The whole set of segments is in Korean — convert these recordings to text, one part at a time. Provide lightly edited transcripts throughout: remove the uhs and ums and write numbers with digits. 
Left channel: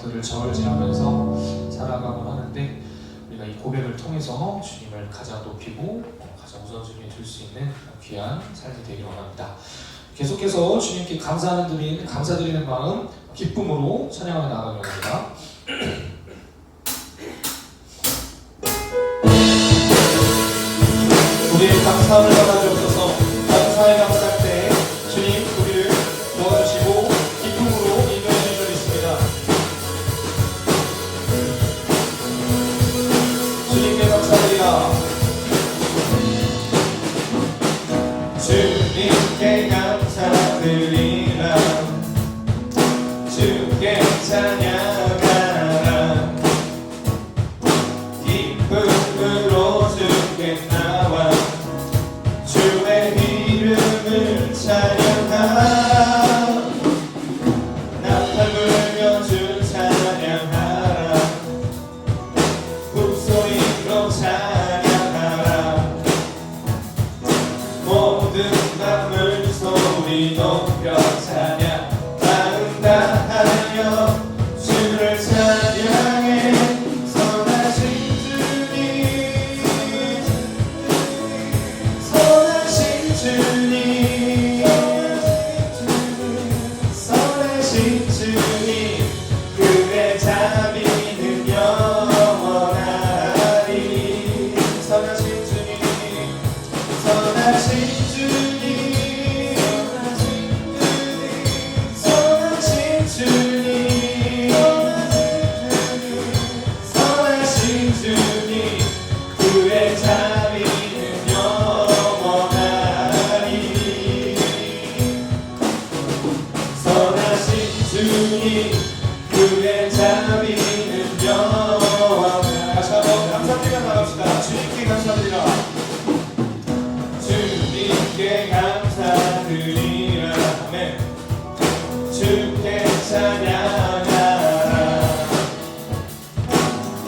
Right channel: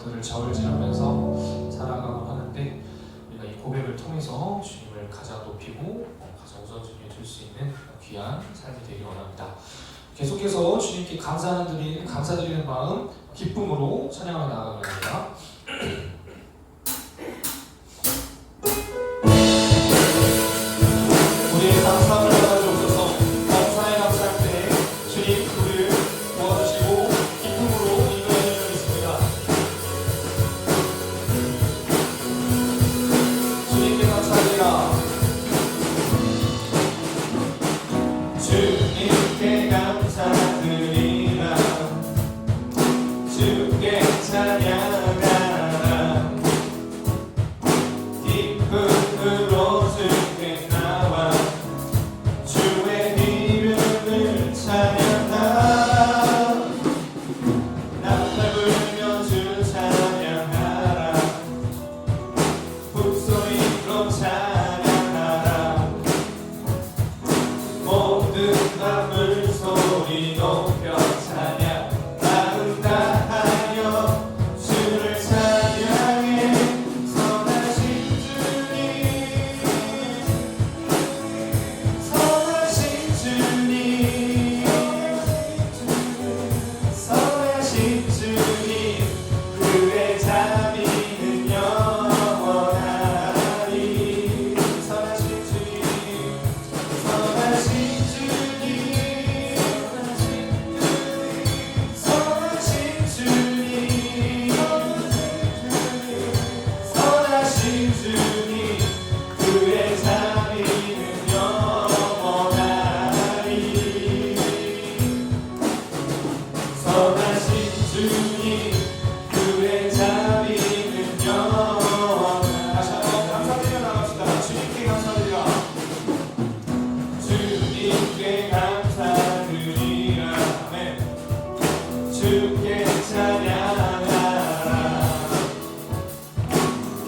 것들을 저울질하면서 살아가고 하는데, 우리가 이 고백을 통해서 주님을 가장 높이고 가장 우선순위에 둘 수 있는 귀한 삶이 되기를 원합니다. 계속해서 주님께 감사드리는 마음, 기쁨으로 찬양하며 나아가려 합니다. 우리의 감사함을 받아주셔서 감사의 감사할 때 주님 우리를 도와주시고 기쁨으로 인도해 주시겠습니다. 주님께 감사드리라. 주님께 감사드리라. 주께 찬양하라. 기쁨으로 주께 나와 주의 이름을 찬양하라. 나팔 불며 주 찬양하라. 북소리로 찬양하라. 모든 나물 소리 높여 찬양한다 하며 주를 찬양해. 선하신 주님, 선하신 주님, 선하신 주님, 그의 자비는 영원하리. 선하신 주님, 선하신 주님, 선하신 주님, 선하신 주님, 그의 자비는 영원하리. 선하신 주님, 그의 자비는 영원하리. 다시 한번 감사드리며 나갑시다. 주님께 감사드리라. 주님께 감사드리라. 네. 주께 찬양하라.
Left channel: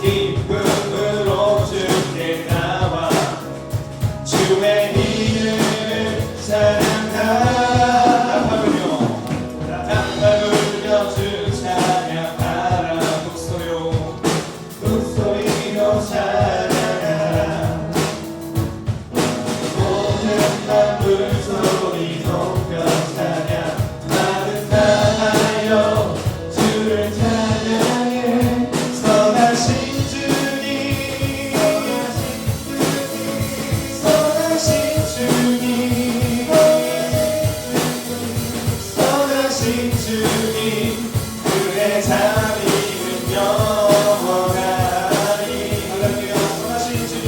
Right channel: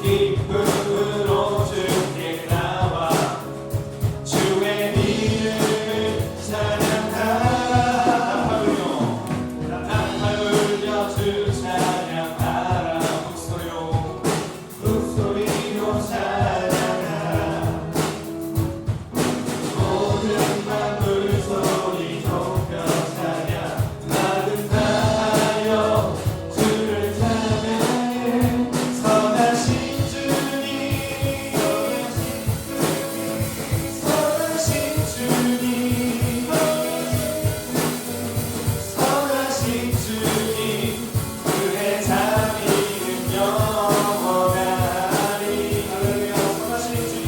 기쁨으로 주께 나와 주의 이름을 찬양하라. 나팔 불며 주 찬양하라. 북소리로 찬양하라. 모든 나물 소리 높여 찬양한다 하여 주를 찬양해. 선하신 주님, 선하신 주님, 선하신 주님, 그의 자비는 영원하리. 할렐루야. 선하신 주님,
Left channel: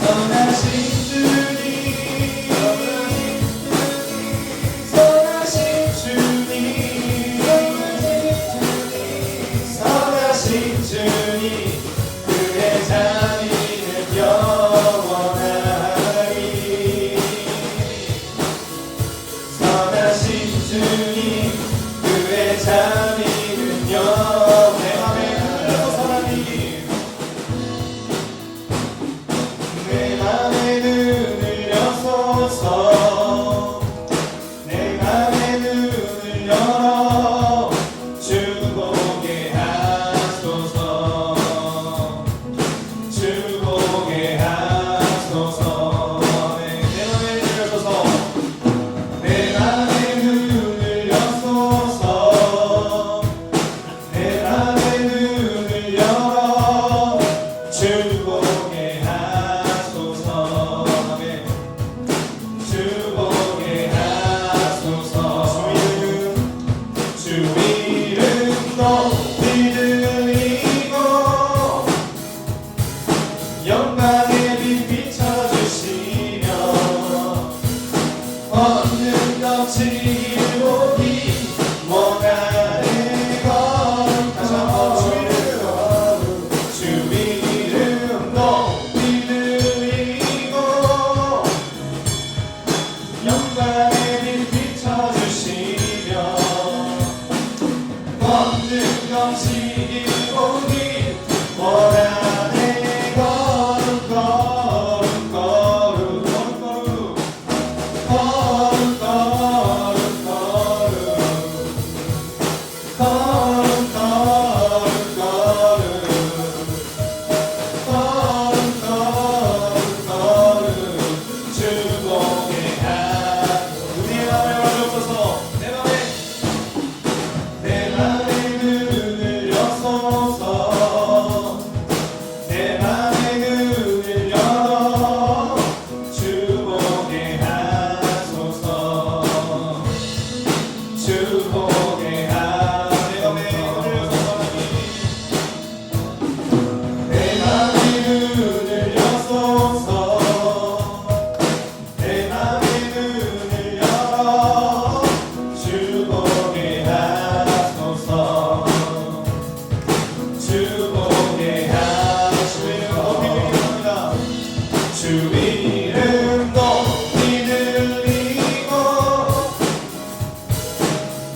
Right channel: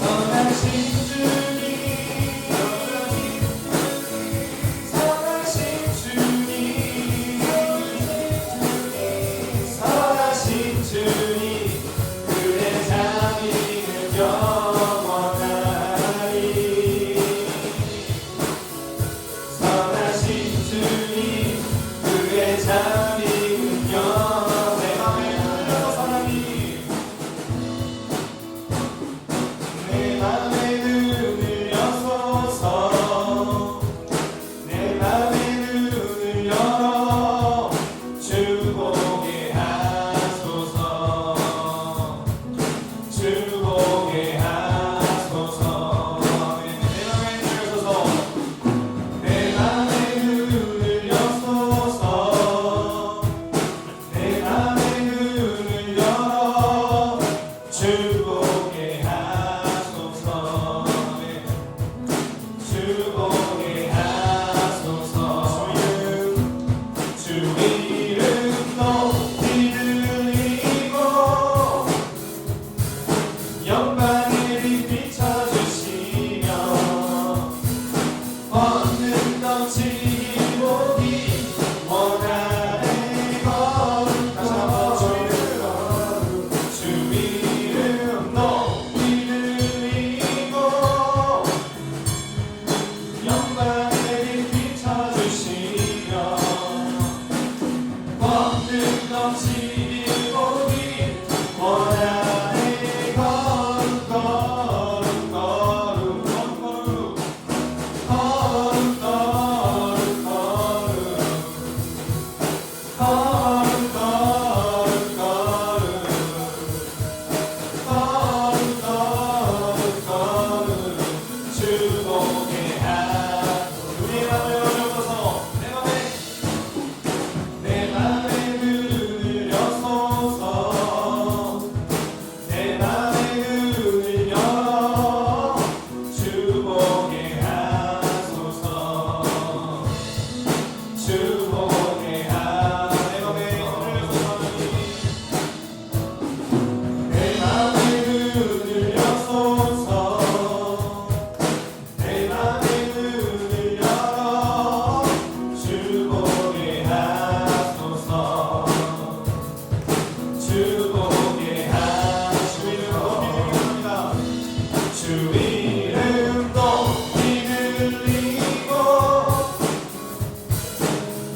선하신 주님, 선하신 주님, 선하신 주님, 그의 자비는 영원하리. 선하신 주님, 그의 자비는 영원하리. 내 맘에 눈을 여소서. 내 맘에 눈을 열어 주 보게 하소서. 주 보게 하소서. 내 맘에 눈을 여소서. 내 맘에 눈을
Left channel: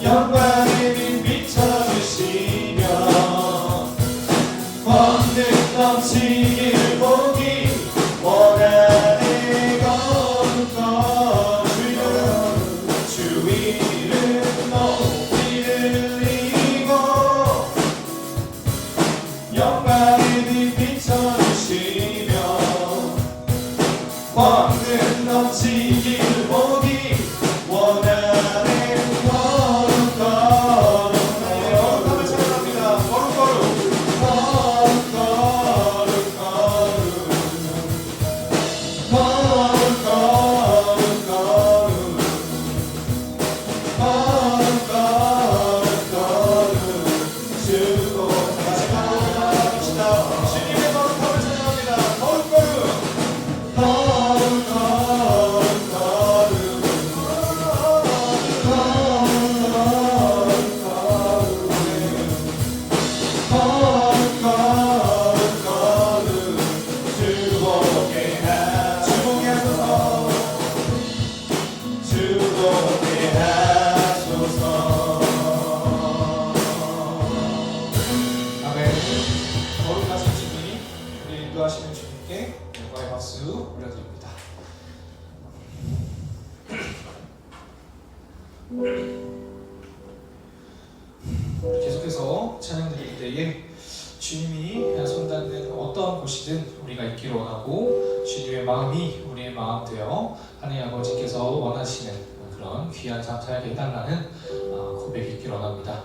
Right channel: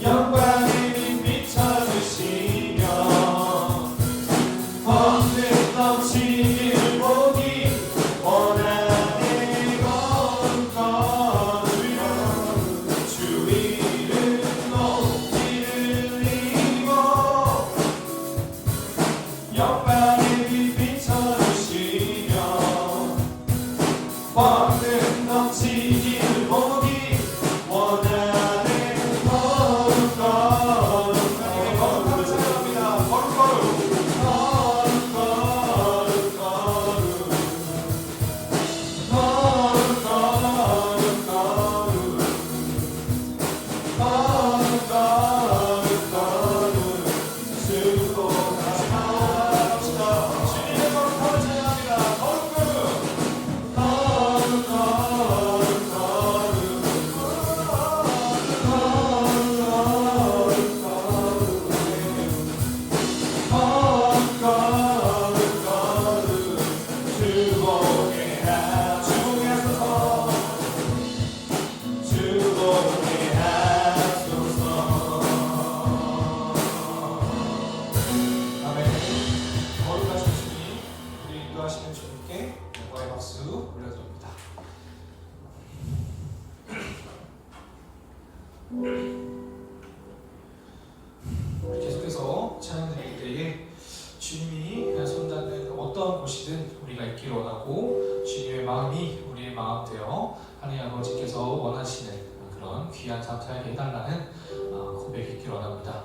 영광의 빛 비춰주시며 번뜩 넘치길 보기 원하네. 거룩거룩 주 이름 높이 들리고 영광의 빛 비춰주시며 번뜩 넘치길 보기 원하네. 거룩거룩 찬양합니다. 거룩거룩 거룩하신 주님, 우리 인도하시는 주님께 영광의 박수 올려드립니다. 계속해서 찬양 드릴 때에 주님이 손닿는 어떤 곳이든 우리가 있기를 원하고 주님의 마음이 우리의 마음 되어 하나님 아버지께서 원하시는 그런 귀한 삶 살게 해달라는 고백이 있기를 원합니다.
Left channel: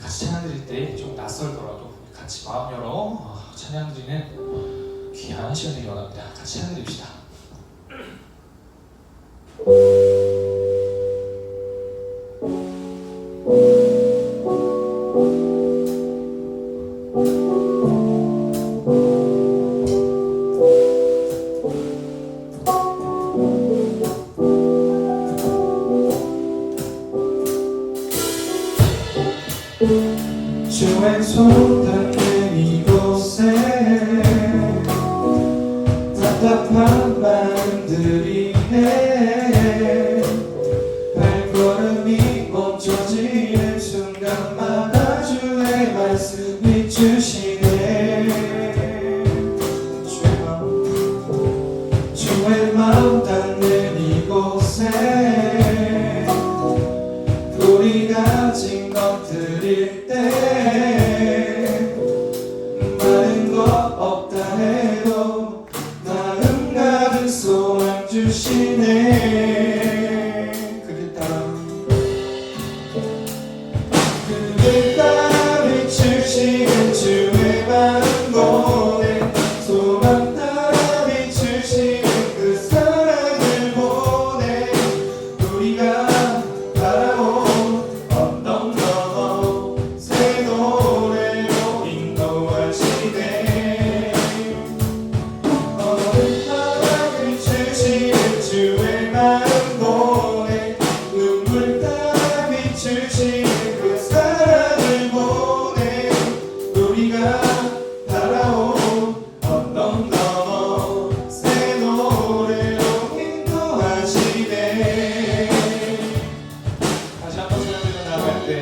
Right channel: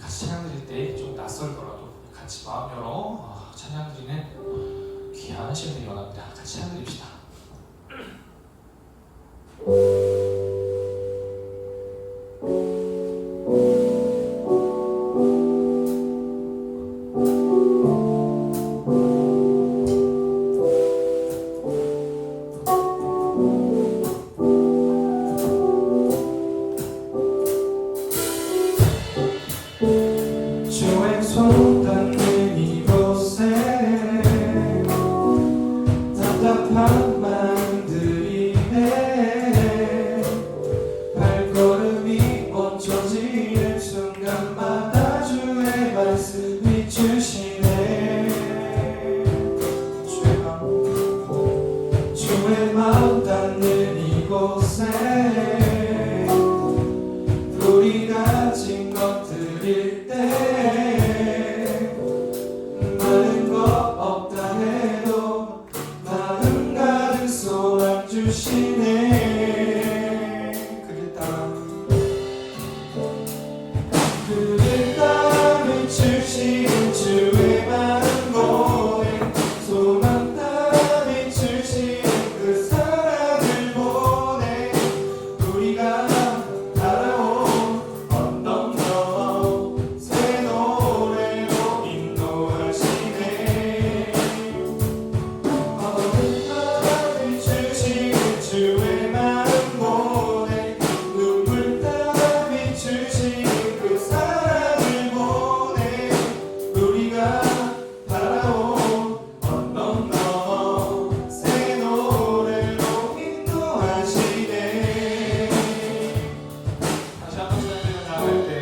같이 찬양 드릴 때 좀 낯설더라도 같이 마음 열어 찬양 드리는 귀한 시간이 원합니다. 같이 찬양 드립시다. 주의 손 닿는 이곳에 답답한 마음들이네. 발걸음이 멈춰지는 순간마다 주의 말씀이 주시네. 주의 마음 닿는 이곳에 우리 가진 것들일 때 많은 것 없다 해도 마음 가득 소망 주시네. 그를 따라 비추시는 주의 마음 보내 소망 따라 비추시는 그 사랑을 보내 우리가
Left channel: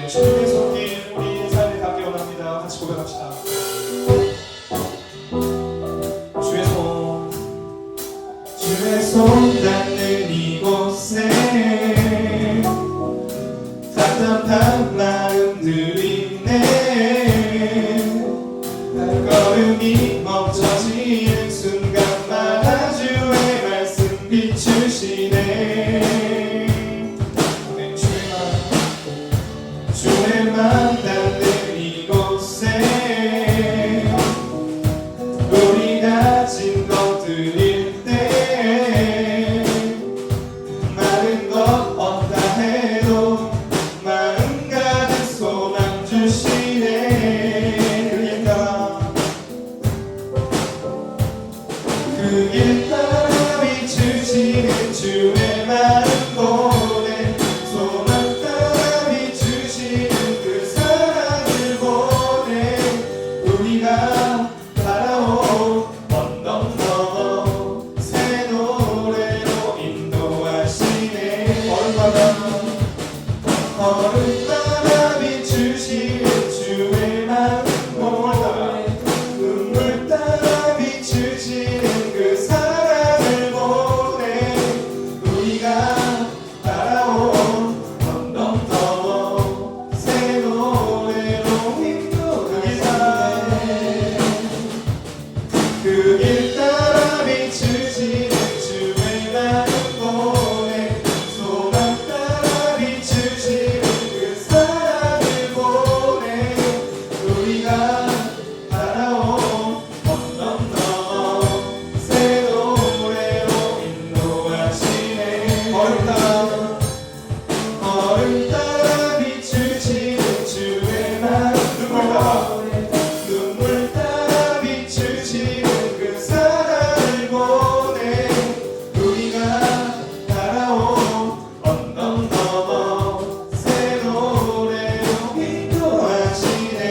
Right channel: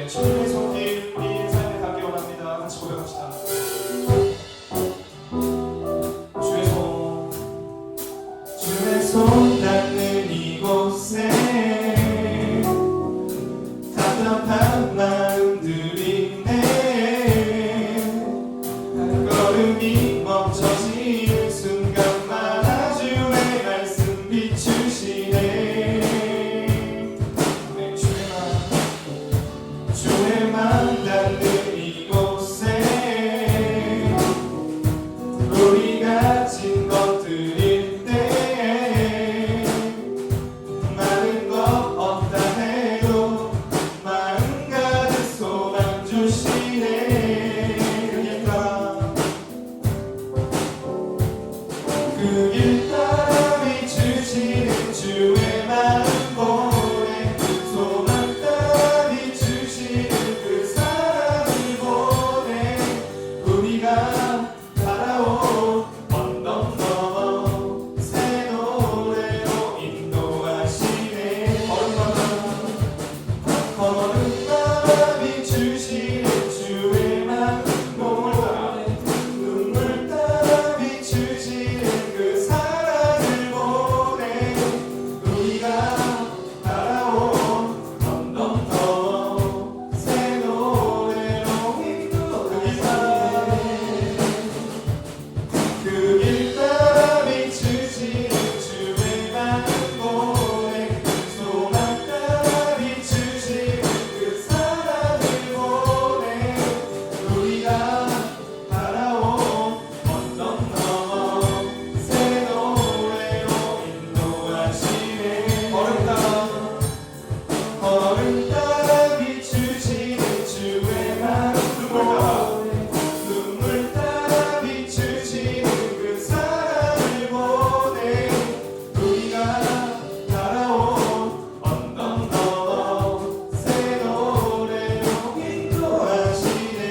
주님의 손길 우리 인사를 닿기 원합니다. 같이 고백합시다. 주의 손 닿는 이곳에 답답한 마음들이네. 발걸음이 멈춰지는 순간마다 주의 말씀 비추시네. 주의 마음 닿는 이곳에 우리 가진 것들일 때 많은 것 없다 해도 마음 가득 소망 주시네. 그 길 따라 비추시는 주의 마음 보내 소망 따라 비추시는 그 사랑 걸음 따라 비추지는 주의 마음 눈물 따라 비추지는 그 사랑을 보내 우리가 따라온 언덕 넘어 새 노래로 인도하시네.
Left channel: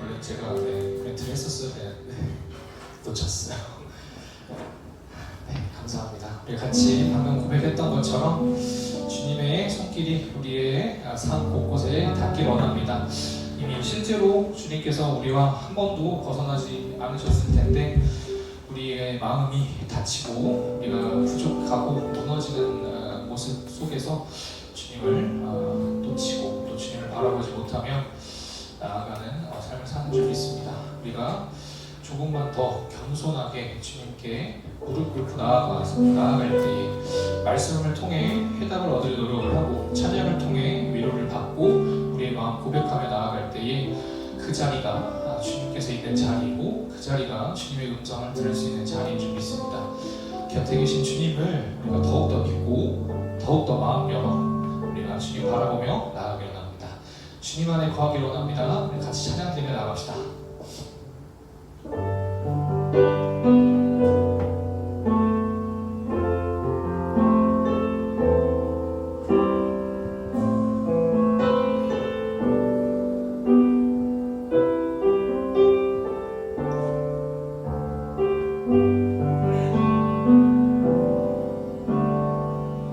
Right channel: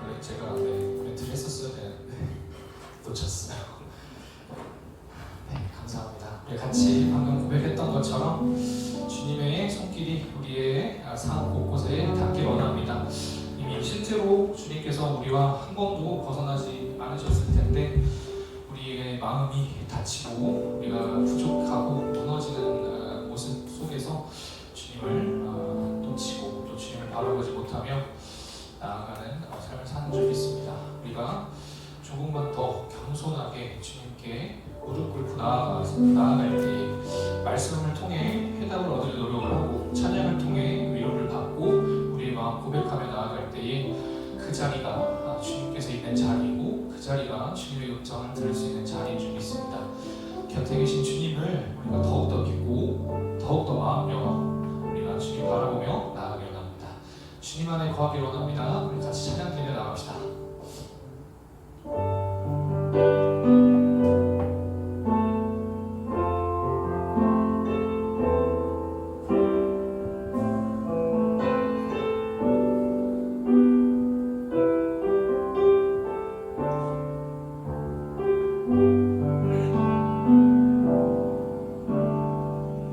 원래 제가 멘트를 했었어야 되는데 놓쳤어요. 네, 감사합니다. 우리 같이 방금 고백했던 것처럼 주님의 손길이 우리의 삶 곳곳에 닿길 원합니다. 이미 실제로 주님께서 우리와 한 번도 벗어나지 않으셨을 텐데 우리의 마음이 다치고 우리가 부족하고 무너지는 모습 속에서 주님을 놓치고 또 주님을 바라보지 못하며 나아가는 삶을 사는 줄 믿습니다. 우리가 조금만 더 겸손하게 주님께 무릎 꿇고 나아갈 때에 말씀을 통해 해답을 얻을 노력을 하고 찬양을 통해 위로를 받고 우리의 마음 고백하며 나아갈 때에 그 자리가 주님께서 있는 자리고 그 자리가 주님의 음성을 들을 수 있는 자리인 줄 믿습니다. 곁에 계신 주님을 우리가 더욱더 믿고 더욱더 마음 열어 우리가 주님 바라보며 나아가길 원합니다. 주님 안에 거하길 원합니다. 우리 같이 찬양 드리며 나갑시다.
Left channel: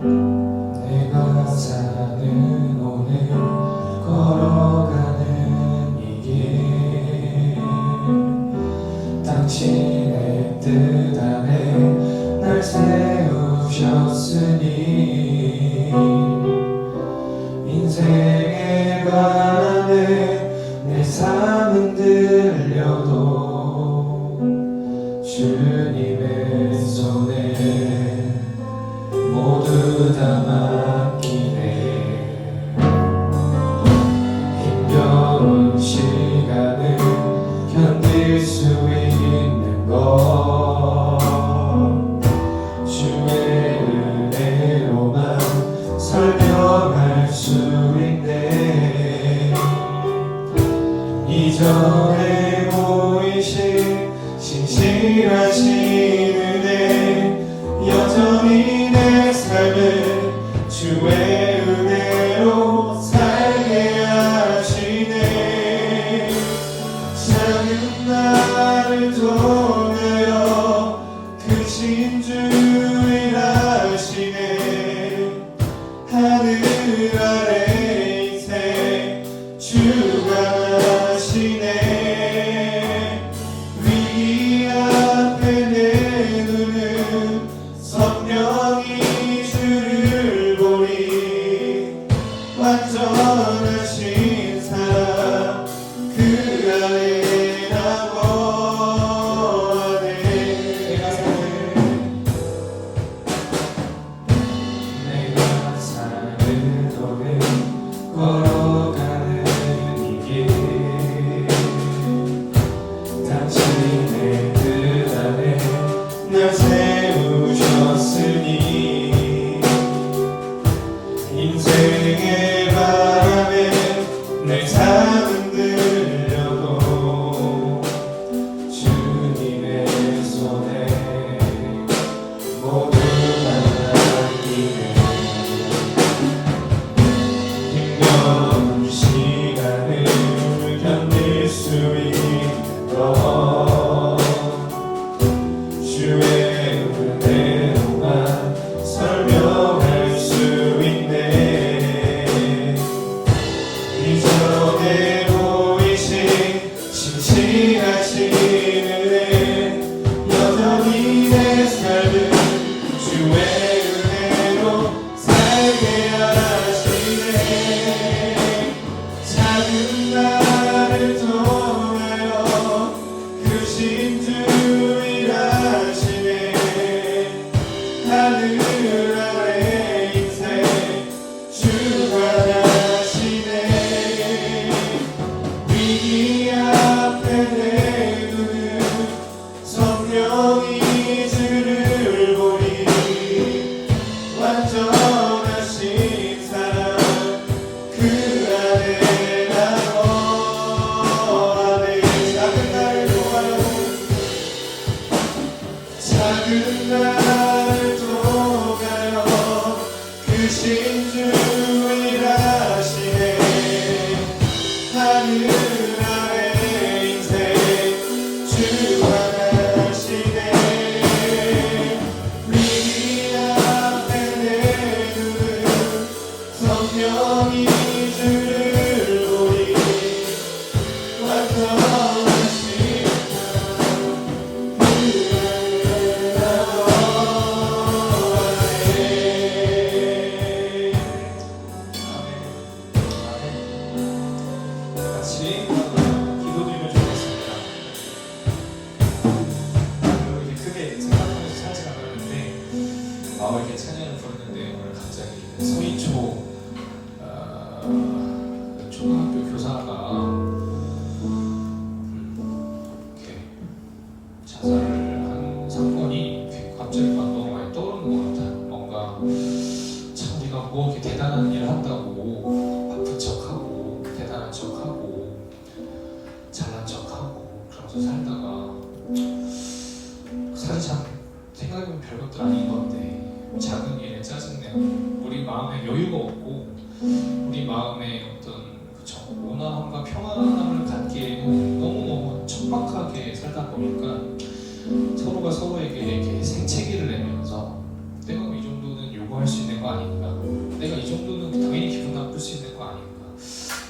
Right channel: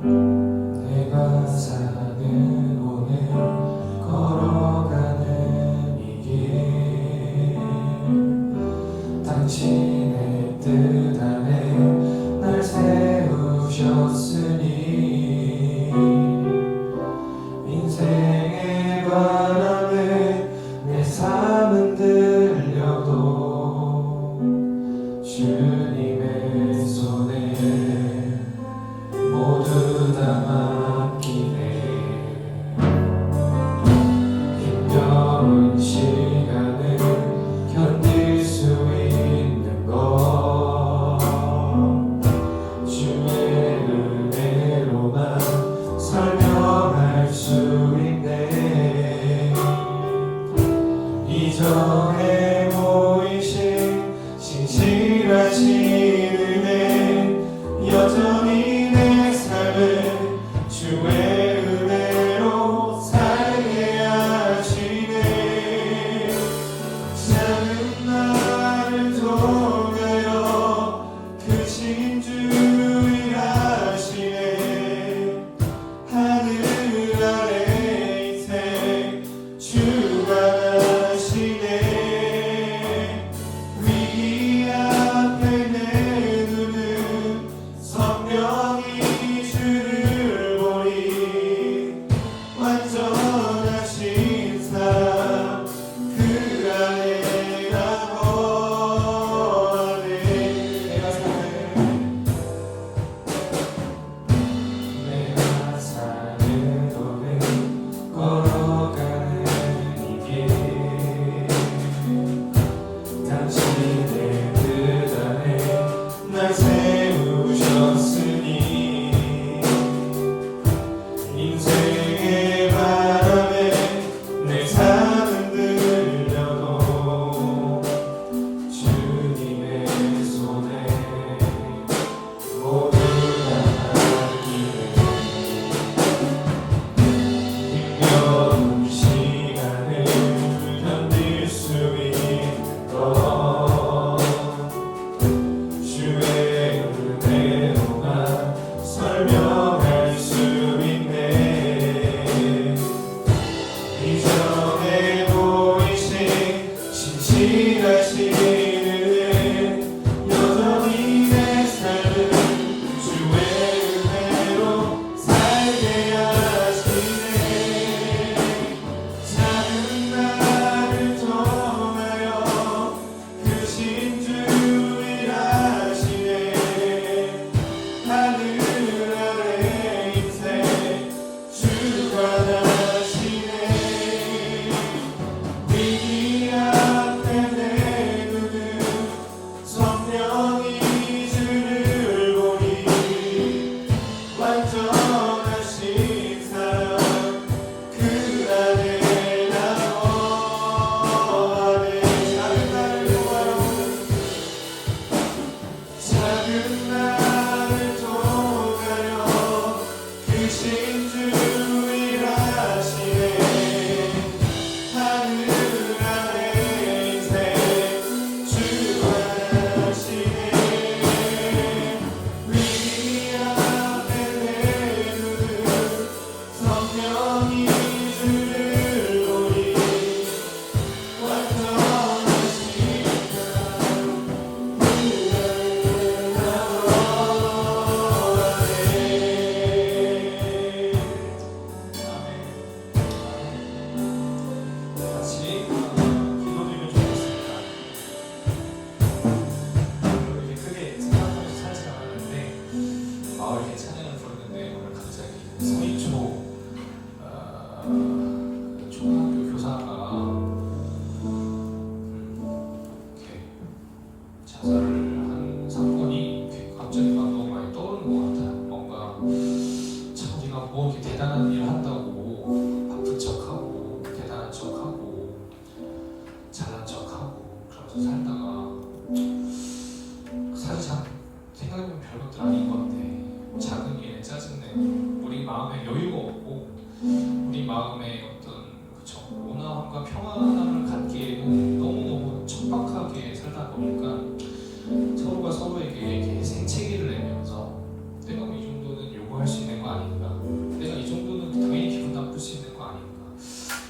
내가 사는 오늘 걸어가는 이 길 당신의 뜻 안에 날 세우셨으니 인생의 바람에 내 삶은 들려도 주님의 손에 모두 다 맡기네. 힘겨운 시간을 견딜 수 있는 것 주의 은혜로만 설명할 수 있네. 이전에 보이신 신실하신 날 통하여 그 신중을 하시네. 하늘 아래 인생 주관하시네. 위기 앞에 내 눈은 선명히 주를 보리. 같이 기도드리면 좋겠습니다. 이렇게 크게 생각하면서 찬양을 하는데 이렇게 찬양을 부르는데 오늘 갑자기 서희초 초등학교 교사가 이렇게 자살을 한 사건이 갑자기 너무 많이 떠오르는 것 같아요. 뭔가 참 우리가 뭐 이렇게 대단한 일을 한다고 바쁜 척하고 대단한 척하고 잘난 척하고 그러면서 살다가 사실 참 생각해보면 별것도 아닌 건데 작은 일에 짜증내고 우리 마음에 여유가 없고 우리 마음에 어떤 온화함과 평안함을 갖기에는 너무 척박하게 살다 보니까 서로가 서로에게 이렇게 생채기를 내면서 내가 이 정도는 요구할 수 있는 거 아닌가, 내가 이 정도는 당연히 기분 나쁠 수 있는 거 아닌가,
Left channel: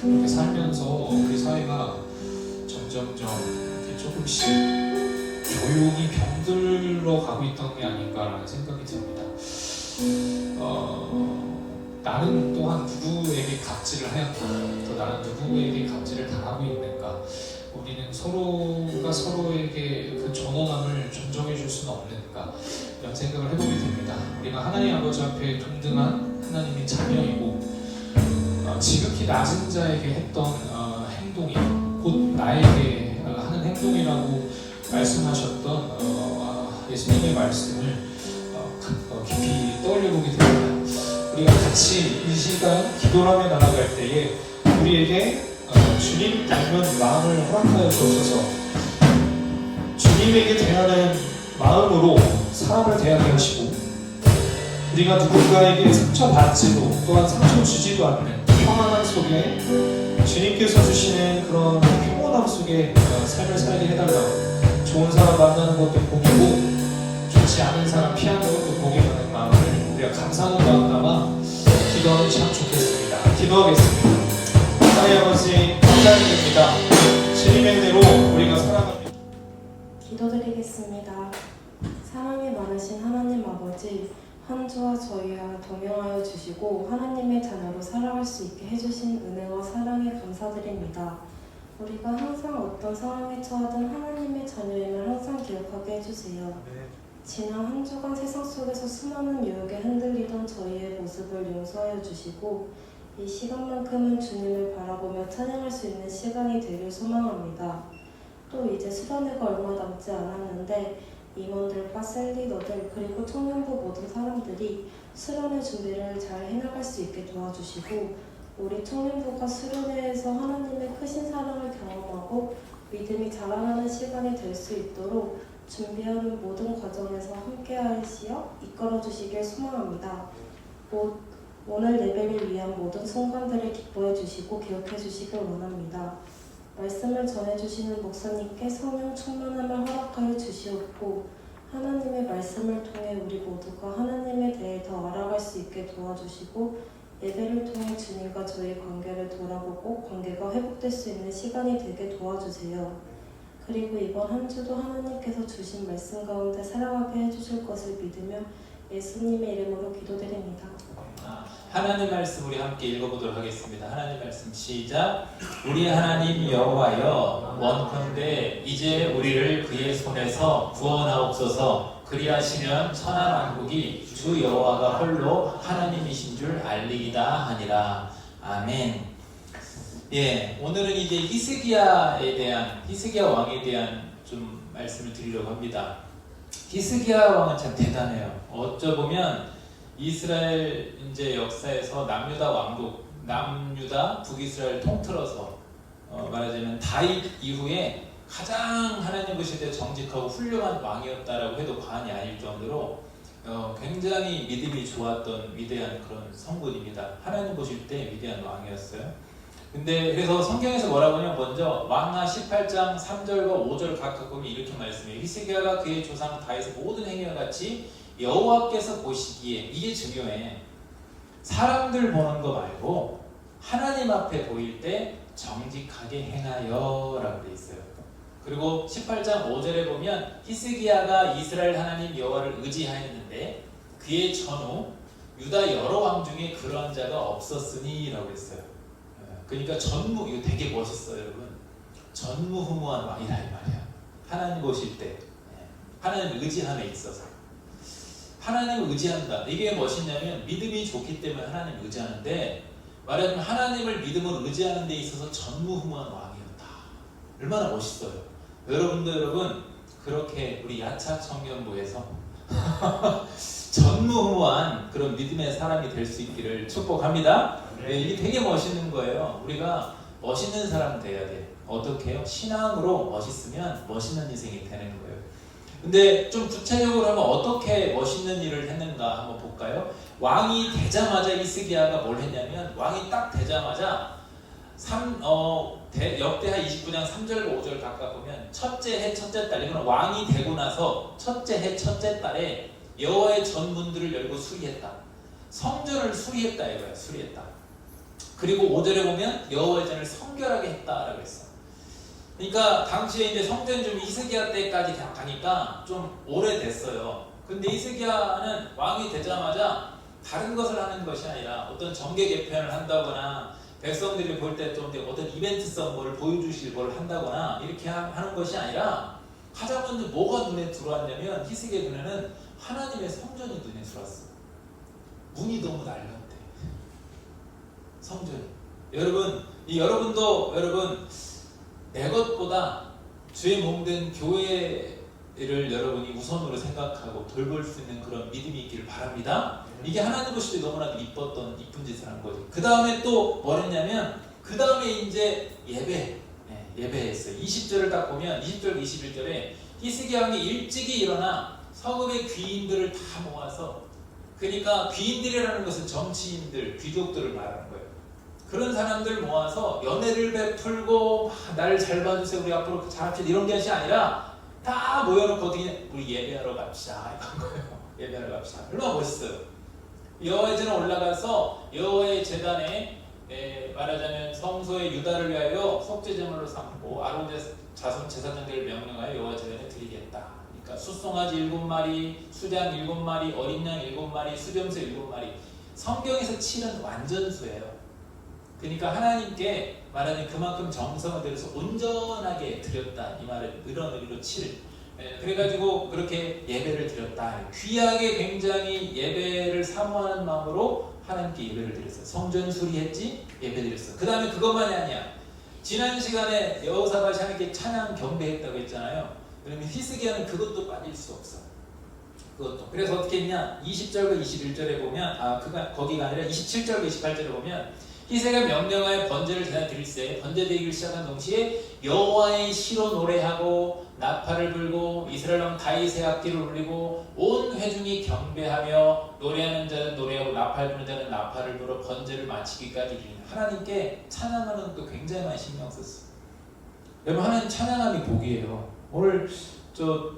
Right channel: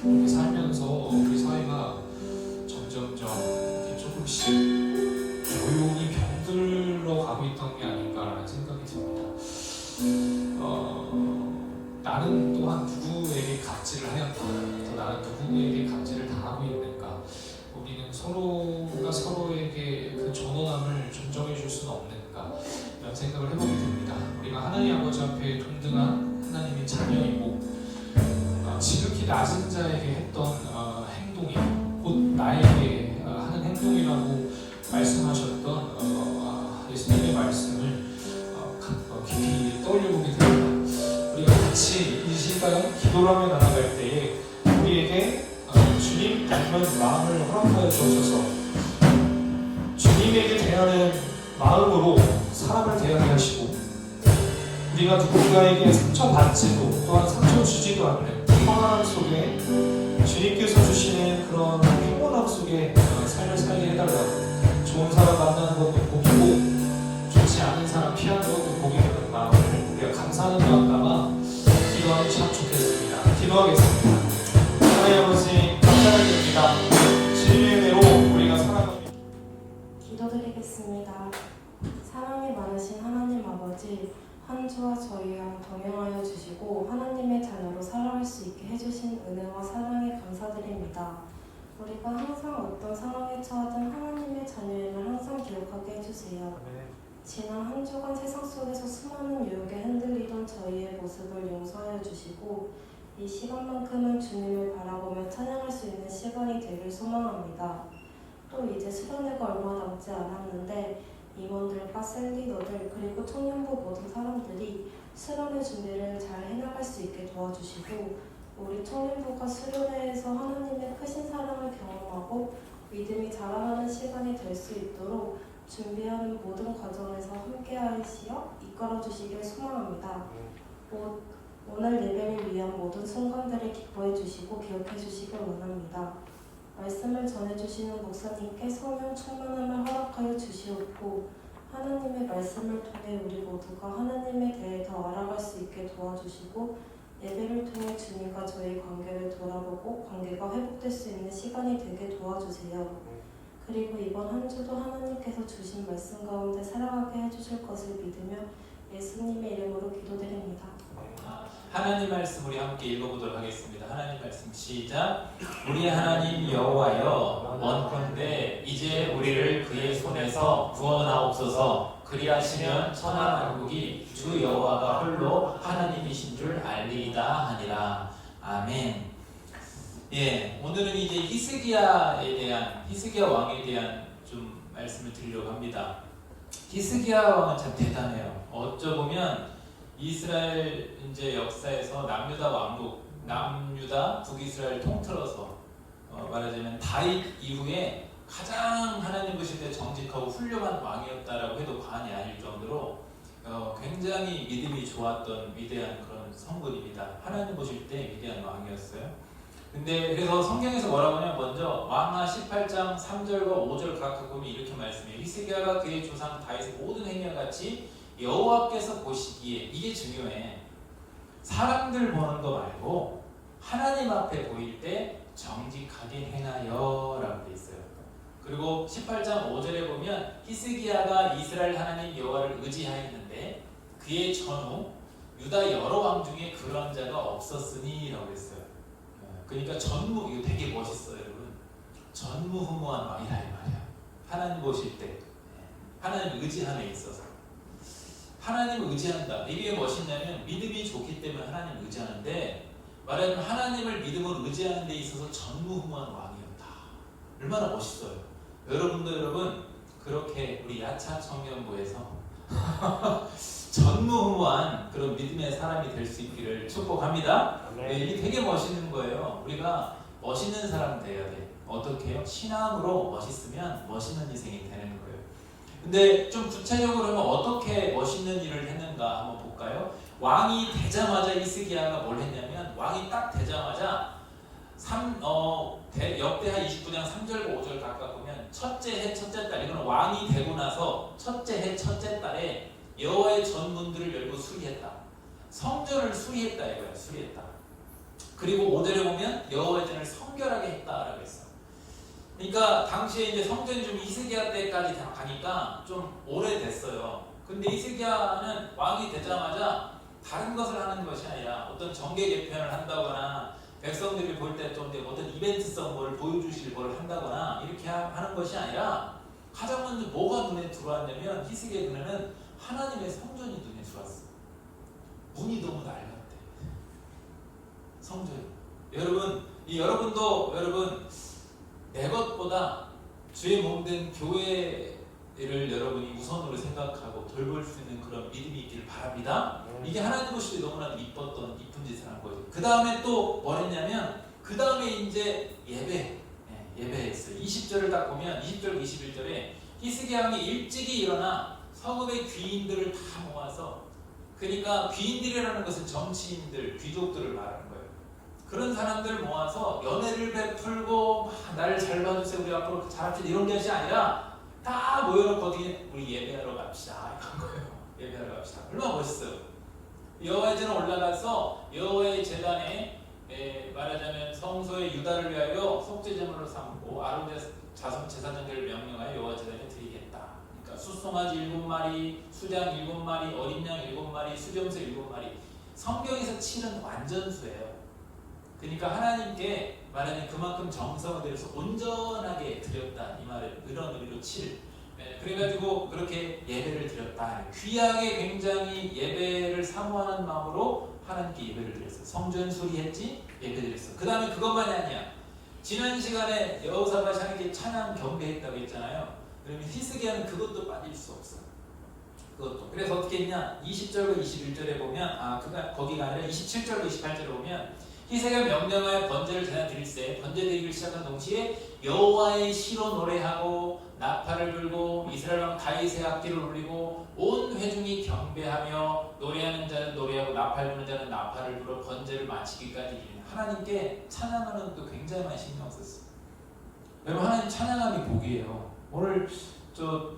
이렇게 살면서 우리 사회가 점점점 이렇게 조금씩 조용히 병들어 가고 있던 게 아닌가라는 생각이 듭니다. 나는 또한 누구에게 갑질을 하였다, 또 나는 누구에게 갑질을 당하고 있는가, 우리는 서로가 서로에게 그 전원함을 존중해 줄 수는 없는가, 이런 생각을 해보게 됩니다. 우리가 하나님 아버지 앞에 동등한 하나님의 자녀이고 지극히 낮은 자에게 했던 행동이 곧 나에게 하는 행동이라고 말씀하셨던 예수님의 말씀을 깊이 떠올려보게 됩니다. 우리가 같이 이 시간 기도를 하며 나아갈 때에 우리에게 주님 닮은 마음을 허락하여 주셔서 주님에게 대하는 마음으로 사람을 대하게 하시고 우리가 누군가에게 상처받지도 또한 상처 주지도 않는 평안함 속에 주님께서 주시는 그런 평온함 속에 삶을 살게 해달라고, 좋은 사람 만나는 것도 복이고 좋지 않은 사람 피하는 것도 복이 되는 마음을 우리가 감사하는 마음 담아 기도하면 참 좋겠습니다. 기도하겠습니다. 하나님 아버지 감사드립니다. 주님의 대로 우리가 살아갑니다. 기도드리겠습니다. 사랑이 많으신 하나님 아버지, 한 주와 저희와 동행하여 주시고 하나님의 자녀로 살아갈 수 있게 해주신 은혜와 사랑에 감사드립니다. 우리가 항상 어떤 상황에 처하든 하나님의 자녀임을 항상 기억하게 해주세요. 지난 한 주간 세상 속에서 수많은 유혹에 흔들리던 저희의 모습을 용서하여 주시고 이 시간만큼은 주님을 바라보며 찬양할 수 있는 시간이 되길 소망합니다. 또 이제 수련회가 얼마 남지 않았는데 임원들과 셀리더들 그리고 청년부 모든 사람들이 수련회 준비를 잘 해나갈 수 있게 도와주시고 우리 청년부가 수련회에서 하나님의 크신 사랑을 경험하고 믿음이 자라나는 시간이 될 수 있도록 준비하는 모든 과정에서 함께하시어 이끌어주시길 소망합니다. 오늘 예배를 위한 모든 순간들을 기뻐해 주시고 기억해 주시길 원합니다. 말씀을 전해주시는 목사님께 성령 충만함을 허락하여 주시옵고 하나님의 말씀을 통해 우리 모두가 하나님에 대해 더 알아갈 수 있게 도와주시고 예배를 통해 주님과 저희 관계를 돌아보고 관계가 회복될 수 있는 시간이 되게 도와주세요. 그리고 이번 한 주도 하나님께서 주신 말씀 가운데 살아가게 해주실 것을 믿으며 예수님의 이름으로 기도드립니다. 하나님 말씀 우리 함께 읽어보도록 하겠습니다. 하나님 말씀 시작. 우리 하나님 여호와여, 원컨대 이제 우리를 그의 손에서 구원하옵소서. 그리하시면 천하만국이 주 여호와가 홀로 하나님이신 줄 알리이다 하니라. 아멘. 예, 오늘은 이제 히스기야 왕에 대한 좀 말씀을 드리려고 합니다. 히스기야 왕은 참 대단해요. 어쩌보면 이스라엘 이제 역사에서 남유다 왕국, 남유다 북이스라엘 통틀어서 말하자면 다윗 이후에 가장 하나님 보실 때 정직하고 훌륭한 왕이었다라고 해도 과언이 아닐 정도로 굉장히 믿음이 좋았던 위대한 그런 성군입니다. 하나님 보실 때 위대한 왕이었어요. 근데 그래서 성경에서 뭐라고 하냐면 먼저 왕하 18장 3절과 5절 각각 보면 이렇게 말씀해요. 히스기야가 그의 조상 다윗의 모든 행위와 같이 여호와께서 보시기에, 이게 중요해. 사람들 보는 거 말고 하나님 앞에 보일 때 정직하게 행하여 라고 돼 있어요. 그리고 18장 5절에 보면 히스기야가 이스라엘 하나님 여호와를 의지하였는데 그의 전후 유다 여러 왕 중에 그러한 자가 없었으니 라고 했어요. 그러니까 이거 되게 멋있어요, 여러분. 전무후무한 왕이라 이 말이야. 하나님 보실 때 하나님 의지함에 있어서 하나님을 의지한다. 이게 멋있냐면 믿음이 좋기 때문에 하나님을 의지하는데, 말하자면 하나님을 믿음으로 의지하는 데 있어서 전무후무한 왕이었다. 얼마나 멋있어요. 여러분 그렇게 우리 야차 청년부에서 전무후무한 그런 믿음의 사람이 될 수 있기를 축복합니다. 네, 이게 되게 멋있는 거예요. 우리가 멋있는 사람 돼야 돼. 어떻게 해요? 신앙으로 멋있으면 멋있는 인생이 되는 거예요. 근데 좀 구체적으로 하면 어떻게 멋있는 일을 했는가 한번 볼까요? 왕이 되자마자 히스기야가 뭘 했냐면, 왕이 딱 되자마자 역대하 29장 3절과 5절 각각 보면 첫째 해 첫째 달, 이건 왕이 되고 나서 첫째 해 첫째 달에 여호와의 전문들을 열고 수리했다. 성전을 수리했다 이거야. 수리했다. 그리고 5절에 보면 여호와의 전을 성결하게 했다라고 했어. 그러니까 당시에 이제 성전 좀 히스기야 때까지 다 가니까 좀 오래됐어요. 근데 히스기야는 왕이 되자마자 다른 것을 하는 것이 아니라 어떤 정계 개편을 한다거나 백성들이 볼 때 좀 어떤 이벤트성 뭘 보여주실 걸 한다거나 이렇게 하는 것이 아니라 가장 먼저 뭐가 눈에 들어왔냐면, 히스기야 눈에는 하나님의 성전이 눈에 들어왔어. 문이 너무 낡았대. 성전. 여러분도 내 것보다 주의 몸된 교회를 여러분이 우선으로 생각하고 돌볼 수 있는 그런 믿음이 있기를 바랍니다. 이게 하나님 보실 때 너무나도 이뻤던 이쁜 짓을 한 거죠. 그 다음에 또 뭘 했냐면, 그 다음에 이제 예배했어요. 20절을 딱 보면 20절 21절에 히스기야 왕이 일찍이 일어나 성읍의 귀인들을 다 모아서, 그러니까 귀인들이라는 것은 정치인들, 귀족들을 말하는 거예요. 그런 사람들 모아서 연회를 베풀고 나를 잘 봐주세요, 우리 앞으로 잘합시다, 이런 것이 아니라 다 모여놓고 어떻게 우리 예배하러 갑시다 이런 거예요. 예배하러 갑시다. 얼마나 멋있어요. 여호와의 전에 올라가서 여호와의 제단에 말하자면 성소의 유다를 위하여 속죄제물로 삼고 아론 자손 제사장들을 명령하여 여호와 제단에 드리겠다. 그러니까 숫송아지 7마리, 수장 7마리, 어린 양 7마리, 수렴새 7마리. 성경에서 치는 완전수예요. 그러니까 하나님께 말하자면 그만큼 정성을 들여서 온전하게 드렸다, 이 말을 이런 의미로 치를. 그래가지고 그렇게 예배를 드렸다. 귀하게 굉장히 예배를 사모하는 마음으로 하나님께 예배를 드렸어요. 성전 수리했지, 예배 드렸어. 그 다음에 그것만이 아니야. 지난 시간에 여호사밧이 하나님께 찬양 경배했다고 했잖아요. 그러면 히스기야는 그것도 빠질 수 없어. 그것도. 그래서 어떻게 했냐? 20절과 21절에 보면, 거기가 아니라 27절과 28절에 보면 히스기야가 명령하여 번제를 제단 드릴세. 번제 드리기를 시작한 동시에 여호와의 시로 노래하고 나팔을 불고 이스라엘 왕 다윗의 악기를 울리고 온 회중이 경배하며 노래하는 자는 노래하고 나팔 부는 자는 나팔을 불어 번제를 마치기까지 이르는. 하나님께 찬양하는 것도 굉장히 많이 신경 썼어요. 여러분, 하나님 찬양함이 복이에요. 오늘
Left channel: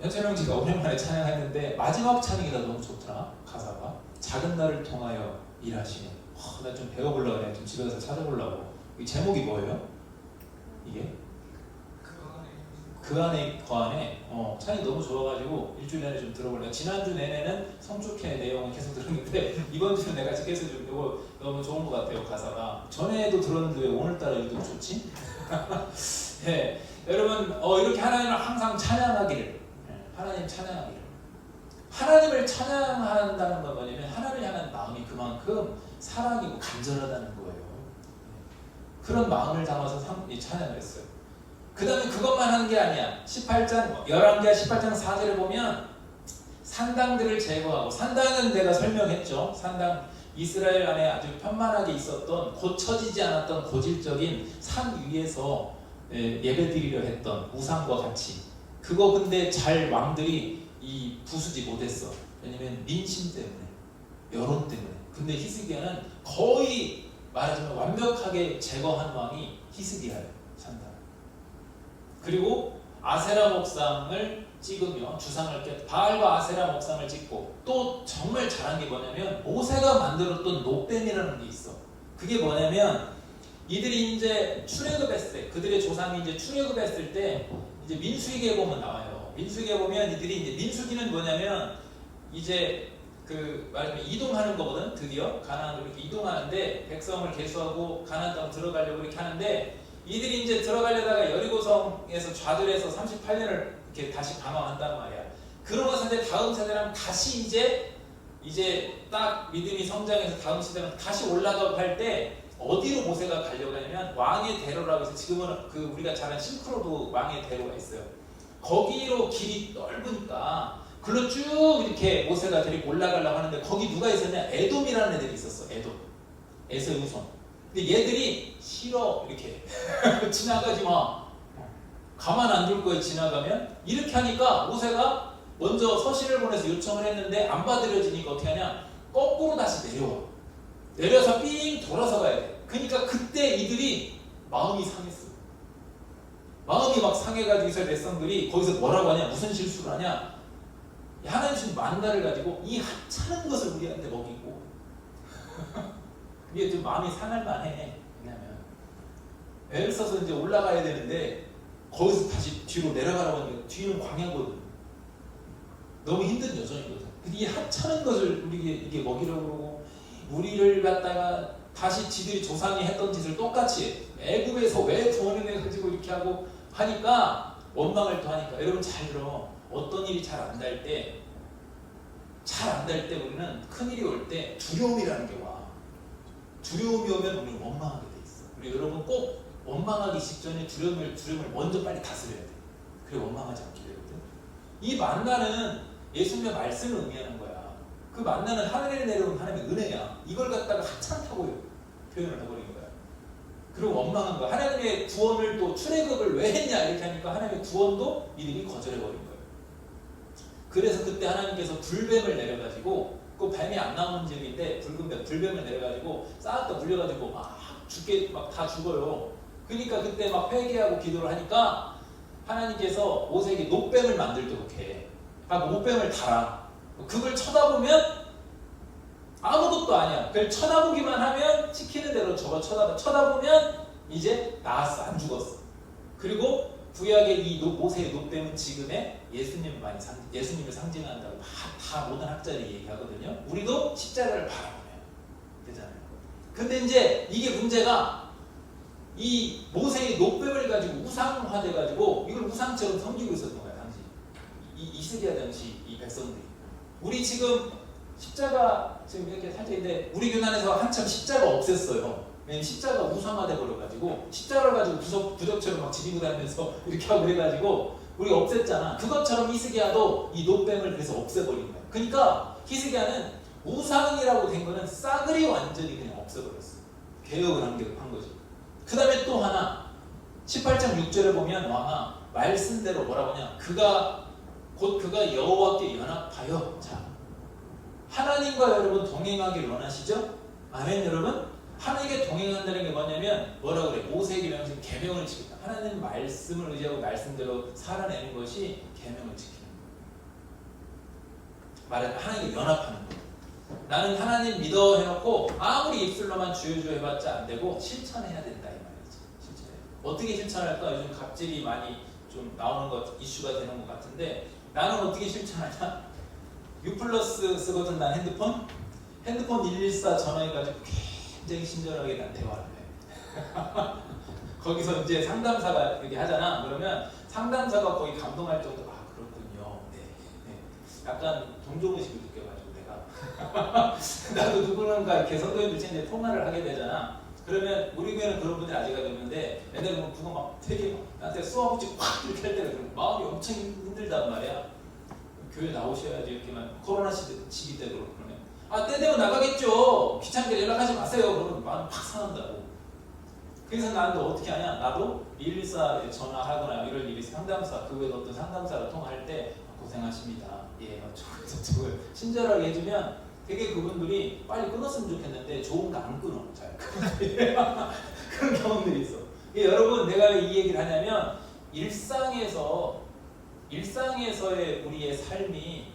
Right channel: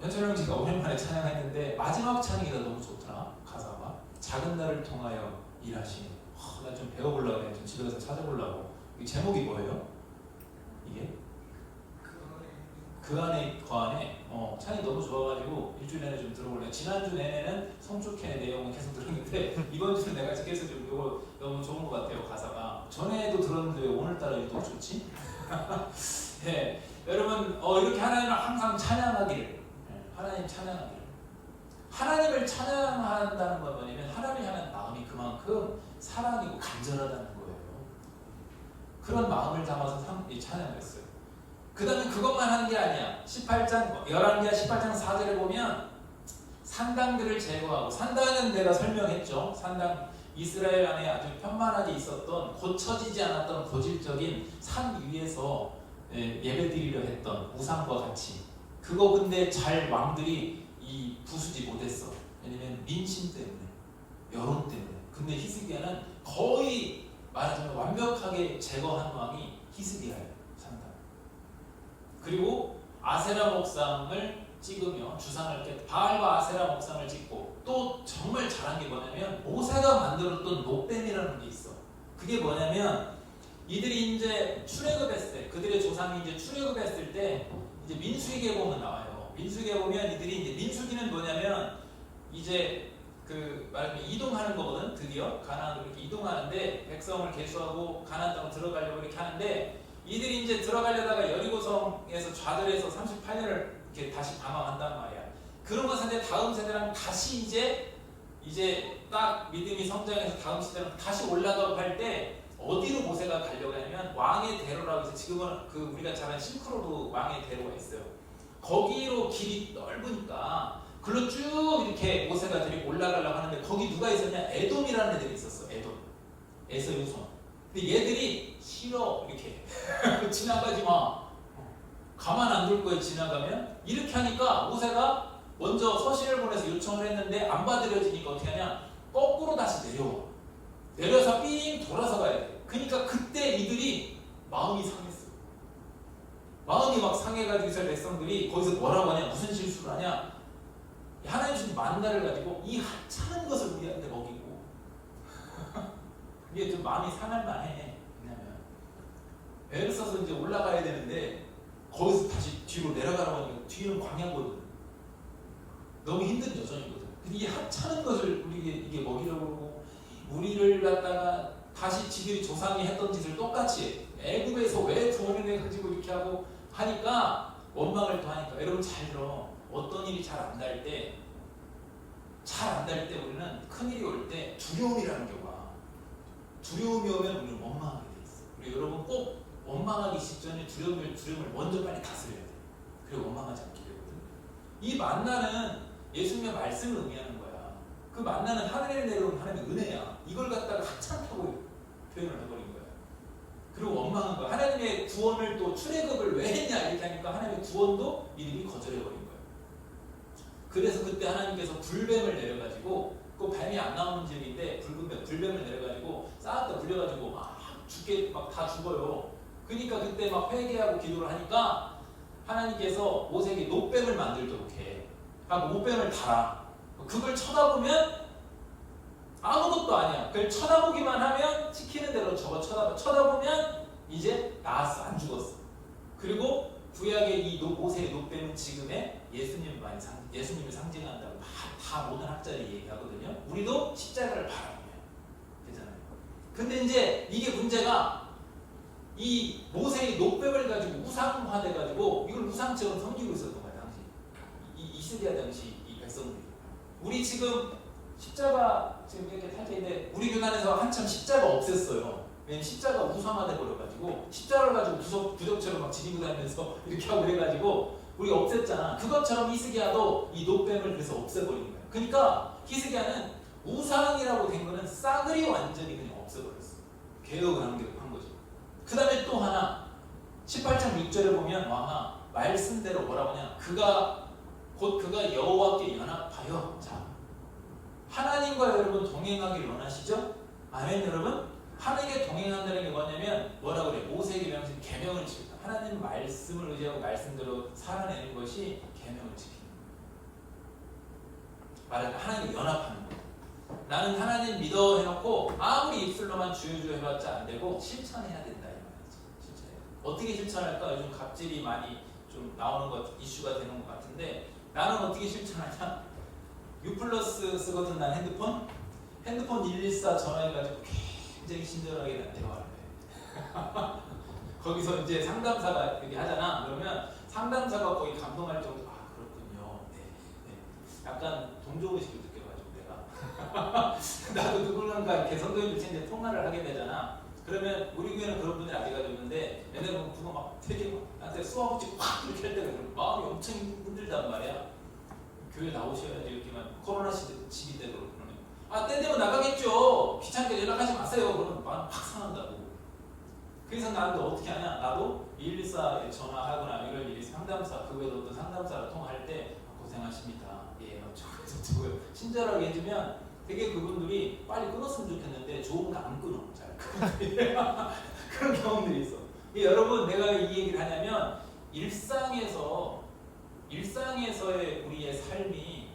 현철명지가 오랜만에 찬양했는데 마지막 찬양이 나 너무 좋더라. 가사가 작은 나를 통하여 일하시네. 나 좀 배워보려고 해. 좀 집에 가서 찾아보려고. 이 제목이 뭐예요? 이게? 그 안에 찬이 너무 좋아가지고 일주일 내내 좀 들어보려고. 지난주 내내는 성축회 내용은 계속 들었는데 이번 주는 내가 계속 좀 이거 너무 좋은 것 같아요. 가사가 전에도 들었는데 왜 오늘따라 유독 좋지? 네, 여러분 이렇게 하나님을 항상 찬양하기를, 하나님 찬양하기를. 하나님을 찬양한다는 건 뭐냐면 하나님을 향한 마음이 그만큼 사랑이고 간절하다는 거예요. 그런 마음을 담아서 찬양을 했어요. 그 다음에 그것만 하는 게 아니야. 11장 18장 4절에 보면 산당들을 제거하고, 산당은 내가 설명했죠. 산당, 이스라엘 안에 아주 편만하게 있었던 고쳐지지 않았던 고질적인 산 위에서 예배드리려 했던 우상과 같이 그거 근데 잘 왕들이 이 부수지 못했어. 왜냐면 민심 때문에, 여론 때문에. 근데 히스기야는 거의 말하자면 완벽하게 제거한 왕이 히스기야예요. 상당. 그리고 아세라 목상을 찍으며 주상을 이렇게 바알과 아세라 목상을 찍고 또 정말 잘한 게 뭐냐면 모세가 만들었던 노뱀이라는 게 있어. 그게 뭐냐면 이들이 이제 출애굽했을 때 그들의 조상이 이제 출애굽했을 때 이제 민수기에 보면 나와요. 민수기에 보면 이들이 이제 민수기는 뭐냐면 이제 그 말하면 이동하는 거거든. 드디어 가나안으로 이렇게 이동하는데 백성을 계수하고 가나안 땅 들어가려고 이렇게 하는데 이들이 이제 들어가려다가 여리고성에서 좌절해서 38년을 이렇게 다시 방황한단 말이야. 그러면서 이제 다음 세대랑 다시 이제 딱 믿음이 성장해서 다음 세대랑 다시 올라가고 할 때 어디로 모세가 가려고 하냐면 왕의 대로라고 해서 지금은 그 우리가 잘 아는 실크로드 왕의 대로가 있어요. 거기로 길이 넓으니까 글로 쭉 이렇게 모세가 데리고 올라가려고 하는데 거기 누가 있었냐? 에돔이라는 애들이 있었어. 에돔. 에서의 후손. 근데 얘들이 싫어. 이렇게 지나가지 마. 가만 안 둘 거에 지나가면 이렇게 하니까 모세가 먼저 서신을 보내서 요청을 했는데 안 받아들여지니까 어떻게 하냐? 거꾸로 다시 내려와. 내려서 삥 돌아서 가야 돼. 그러니까 그때 이들이 마음이 상했어. 마음이 막 상해가지고 이스라엘 백성들이 거기서 뭐라고 하냐? 무슨 실수를 하냐? 하나님 주신 만나를 가지고 이 하찮은 것을 우리한테 먹이고 그게 좀 마음이 상할 만해. 왜냐면 애를 써서 이제 올라가야 되는데 거기서 다시 뒤로 내려가라고 하니까 뒤는 광야거든. 너무 힘든 여정이거든. 근데 이 하찮은 것을 우리에게 이게 먹이려고 그러고 우리를 갖다가 다시 지들이 조상이 했던 짓을 똑같이 해. 애굽에서 왜 종을 가지고 이렇게 하고 하니까 원망을 더 하니까 여러분 잘 들어. 어떤 일이 잘 안 될 때 우리는 큰 일이 올 때 두려움이라는 게 와. 두려움이 오면 우리는 원망하게 돼 있어. 그리고 여러분 꼭 원망하기 직전에 두려움을 먼저 빨리 다스려야 돼. 그리고 원망하지 않게 되거든. 이 만나는 예수님의 말씀을 의미하는 거야. 그 만나는 하늘에 내려온 하나님의 은혜야. 이걸 갖다가 하찮다고 표현을 해버린 거야. 그리고 원망한 거야. 하나님의 구원을 또 출애굽을 왜 했냐 이렇게 하니까 하나님의 구원도 이들이 거절해버린 거야. 그래서 그때 하나님께서 불뱀을 내려가지고 그 뱀이 안 나오는 집인데 불뱀을 내려가지고 싹 다 물려가지고 막 죽게 막 다 죽어요. 그러니까 그때 막 회개하고 기도를 하니까 하나님께서 모세에게 노뱀을 만들도록 해. 그러니까 노뱀을 달아. 그걸 쳐다보면 아무것도 아니야. 그걸 쳐다보기만 하면 시키는 대로 저거 쳐다보면 이제 나았어. 안 죽었어. 그리고 구약의 이 모세의 노뱀은 지금의 예수님을 상징한다고 다 모든 학자들이 얘기하거든요. 우리도 십자가를 바라보면 되잖아요. 근데 이제 이게 문제가 이 모세의 노뱀을 가지고 우상화돼 가지고 이걸 우상처럼 섬기고 있었던 거야 당시. 이 이스라엘 당시 이 백성들이. 우리 지금 십자가 지금 이렇게 살짝 있는데 우리 교회 안에서 한참 십자가 없앴어요. 왜냐면 십자가 우상화돼 버려가지고 십자가를 가지고 부적처럼 막 지니고 다니면서 이렇게 하고 그래가지고 우리가 없앴잖아. 그것처럼 히스기야도 이 노뱀을 그래서 없애버린 거야. 그러니까 히스기야는 우상이라고 된 거는 싸그리 완전히 그냥 없애버렸어. 개혁을 한 거지. 그 다음에 또 하나 18장 6절에 보면 왕아 말씀대로 뭐라고 하냐. 그가 여호와께 연합하여 자 하나님과 여러분 동행하길 원하시죠? 아멘 여러분? 하나님께 동행한다는 게 뭐냐면 뭐라고 그래? 모세에게 명신 계명을 지킨다. 하나님 말씀을 의지하고 말씀대로 살아내는 것이 계명을 지키는 거예요. 말하자면 하나님과 연합하는 거예요. 나는 하나님 믿어 해놓고 아무리 입술로만 주여 해봤자 안 되고 실천해야 된다 이 말이지. 실천해야 돼. 어떻게 실천할까? 요즘 갑질이 많이 좀 나오는 것 이슈가 되는 것 같은데 나는 어떻게 실천하냐? U+ 쓰거든 난 핸드폰 114 전화해가지고 굉장히 친절하게 난 대화를 해. 거기서 이제 상담사가 이렇게 하잖아. 그러면 상담사가 거의 감동할 정도로 아 그렇군요. 네. 약간 동정의식을 느껴가지고 내가 나도 누구는가 이렇게 성도님들 이제 통화를 하게 되잖아. 그러면 우리 교회는 그런 분들이 아직까지 없는데 옛날에 보면 그거 막 되게 막 나한테 쏘아붙이고 확 이렇게 할 때가 있고 마음이 엄청 힘들단 말이야. 교회 나오셔야지 이렇게만 코로나 시기 때도 그러면 아 때 되면 나가겠죠. 귀찮게 연락하지 마세요. 그러면 마음 팍 상한다고. 그래서 나도 어떻게 하냐. 나도 114에 전화하거나 이럴 일이 상담사, 그 외에 어떤 상담사랑 통화할 때 고생하십니다. 예, 저거 친절하게 해주면 되게 그분들이 빨리 끊었으면 좋겠는데 좋은 거 안 끊어. 잘 그런 경험들이 있어. 여러분, 내가 이 얘기를 하냐면 일상에서의 우리의 삶이